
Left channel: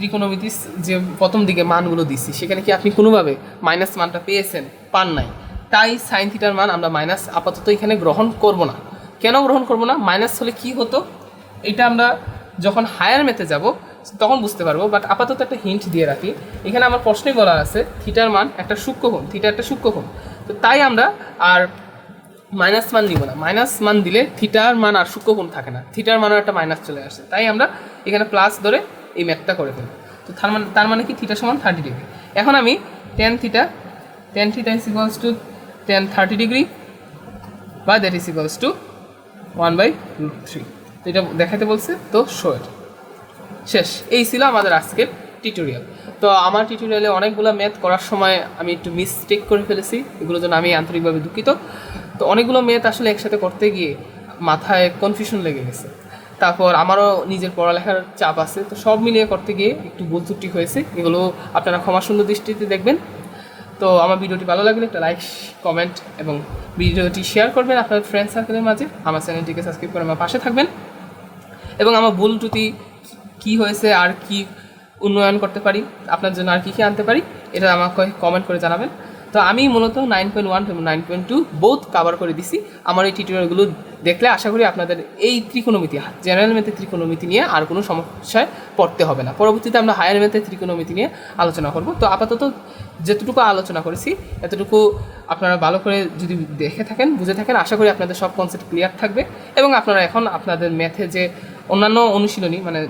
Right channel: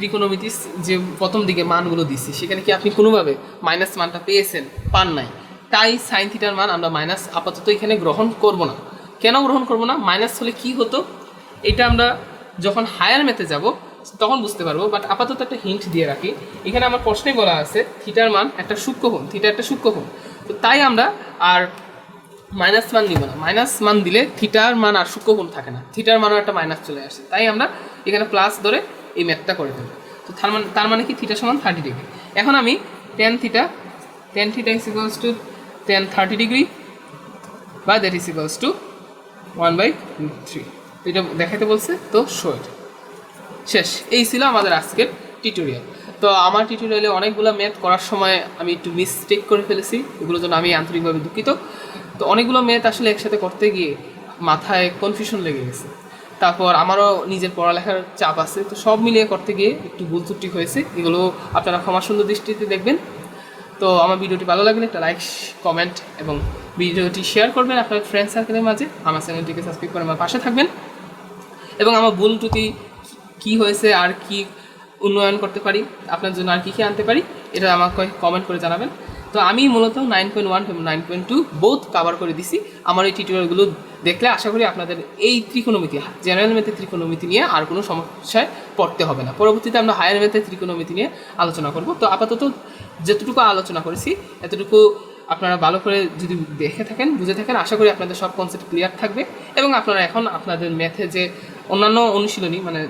ত্রিকোণমিতি যে প্রথম দিকে মানগুলো দিচ্ছি সেখানে কি আপনি কোনোভাবে মাইনাস মানটা পেয়েছেন? পান নাই। তাই সাইন থিটার মান আমরা মাইনাস আপাতত এখানে গ্রহণ করব না। কেন গ্রহণ করব না? মাইনাস হলে কি হতো এটা আমরা যখন হায়ার ম্যাথে যাব তখন বুঝতে পারবো, বাট আপাতত একটা হিন্ট দিয়ে রাখি। এখানে আমার প্রশ্নে বলা আছে থিটার মান একটা সূক্ষ্মকোণ, থিটা একটা সূক্ষ্মকোণ, তো তাই আমরা আর মাইনাস মান নিব না। মাইনাস মান দিলে থিটার মান আর সূক্ষ্মকোণ থাকে না, থিটার মানও একটা মাইনাস চলে আসে, তাই আমরা এখানে প্লাস ধরে এই ম্যাথটা করে ফেলবো। তো তার মানে কি থিটা সমান 30 ডিগ্রি। এখন আমি tan theta is equals two 30 degree বা দ্যাট ইজ ইকুয়ালস টু 1/3 এটা দেখাতে বলছে, তো শো ইট। শেষ। এই ছিল আমাদের আজকের টিউটোরিয়াল। তো আমার টিউটোরিয়ালে অনেকগুলো ম্যাথ করার সময় আমি একটু মিস্টেক করে ফেলেছি, এগুলোর জন্য আমি আন্তরিকভাবে দুঃখিত। তো অনেকগুলো ম্যাথ আসলে একসাথে করতে গিয়ে মাথায় কনফিউশন লেগে গেছে, তারপর আমারও নিজের পড়ালেখার চাপ আছে, তো সব মিলিয়ে করতে গিয়ে একটু ভুল ত্রুটি হয়েছে, এগুলো আপনারা ক্ষমা সুন্দর দৃষ্টিতে দেখবেন। তো আমার ভিডিওটি ভালো লাগলে একটা লাইক, কমেন্ট এবং ভিডিওটি শেয়ার করবেন আপনার ফ্রেন্ড সার্কেলের মাঝে। আমার চ্যানেলটিকে সাবস্ক্রাইব করে আমার পাশে থাকবেন এবং আমার ভুল ত্রুটি কী হয়েছে আর কি উন্নয়ন করতে পারি, আপনার জন্য আর কী আনতে পারি, এটা আমাকে কমেন্ট করে জানাবেন। তো আমি মূলত 9.1 এবং 9.2 বোথ কাভার করে দিছি। আমার এই টিউটোরিয়ালগুলো দেখলে আশা করি আপনাদের এই ত্রিকোণমিতি, জেনারেল ম্যাথের ত্রিকোণমিতি নিয়ে আর কোনো সমস্যায় পড়তে হবে না। পরবর্তীতে আমরা হায়ার ম্যাথের ত্রিকোণমিতি নিয়ে আলোচনা করব। তো আপাতত যেতটুকু আলোচনা করেছি এতটুকু আপনারা ভালো করে যদি দেখে থাকেন, বুঝে থাকেন, আশা করি আপনাদের সব কনসেপ্ট ক্লিয়ার থাকবে এবং আপনারা এখন আপনাদের ম্যাথে যে অন্যান্য অনুশীলনী মানে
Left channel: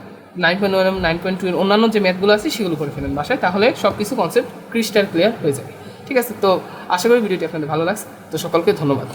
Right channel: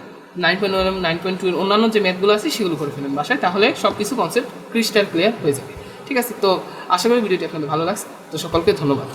9.1 এবং 9.2 এর অন্যান্য যে ম্যাথগুলো আছে সেগুলো করে ফেলেন বাসায়, তাহলে সব কিছু কনসেপ্ট ক্রিস্টাল ক্লিয়ার হয়ে যাবে। ঠিক আছে, তো আশা করি ভিডিওটি আপনাদের ভালো লাগছে। তো সকলকে ধন্যবাদ।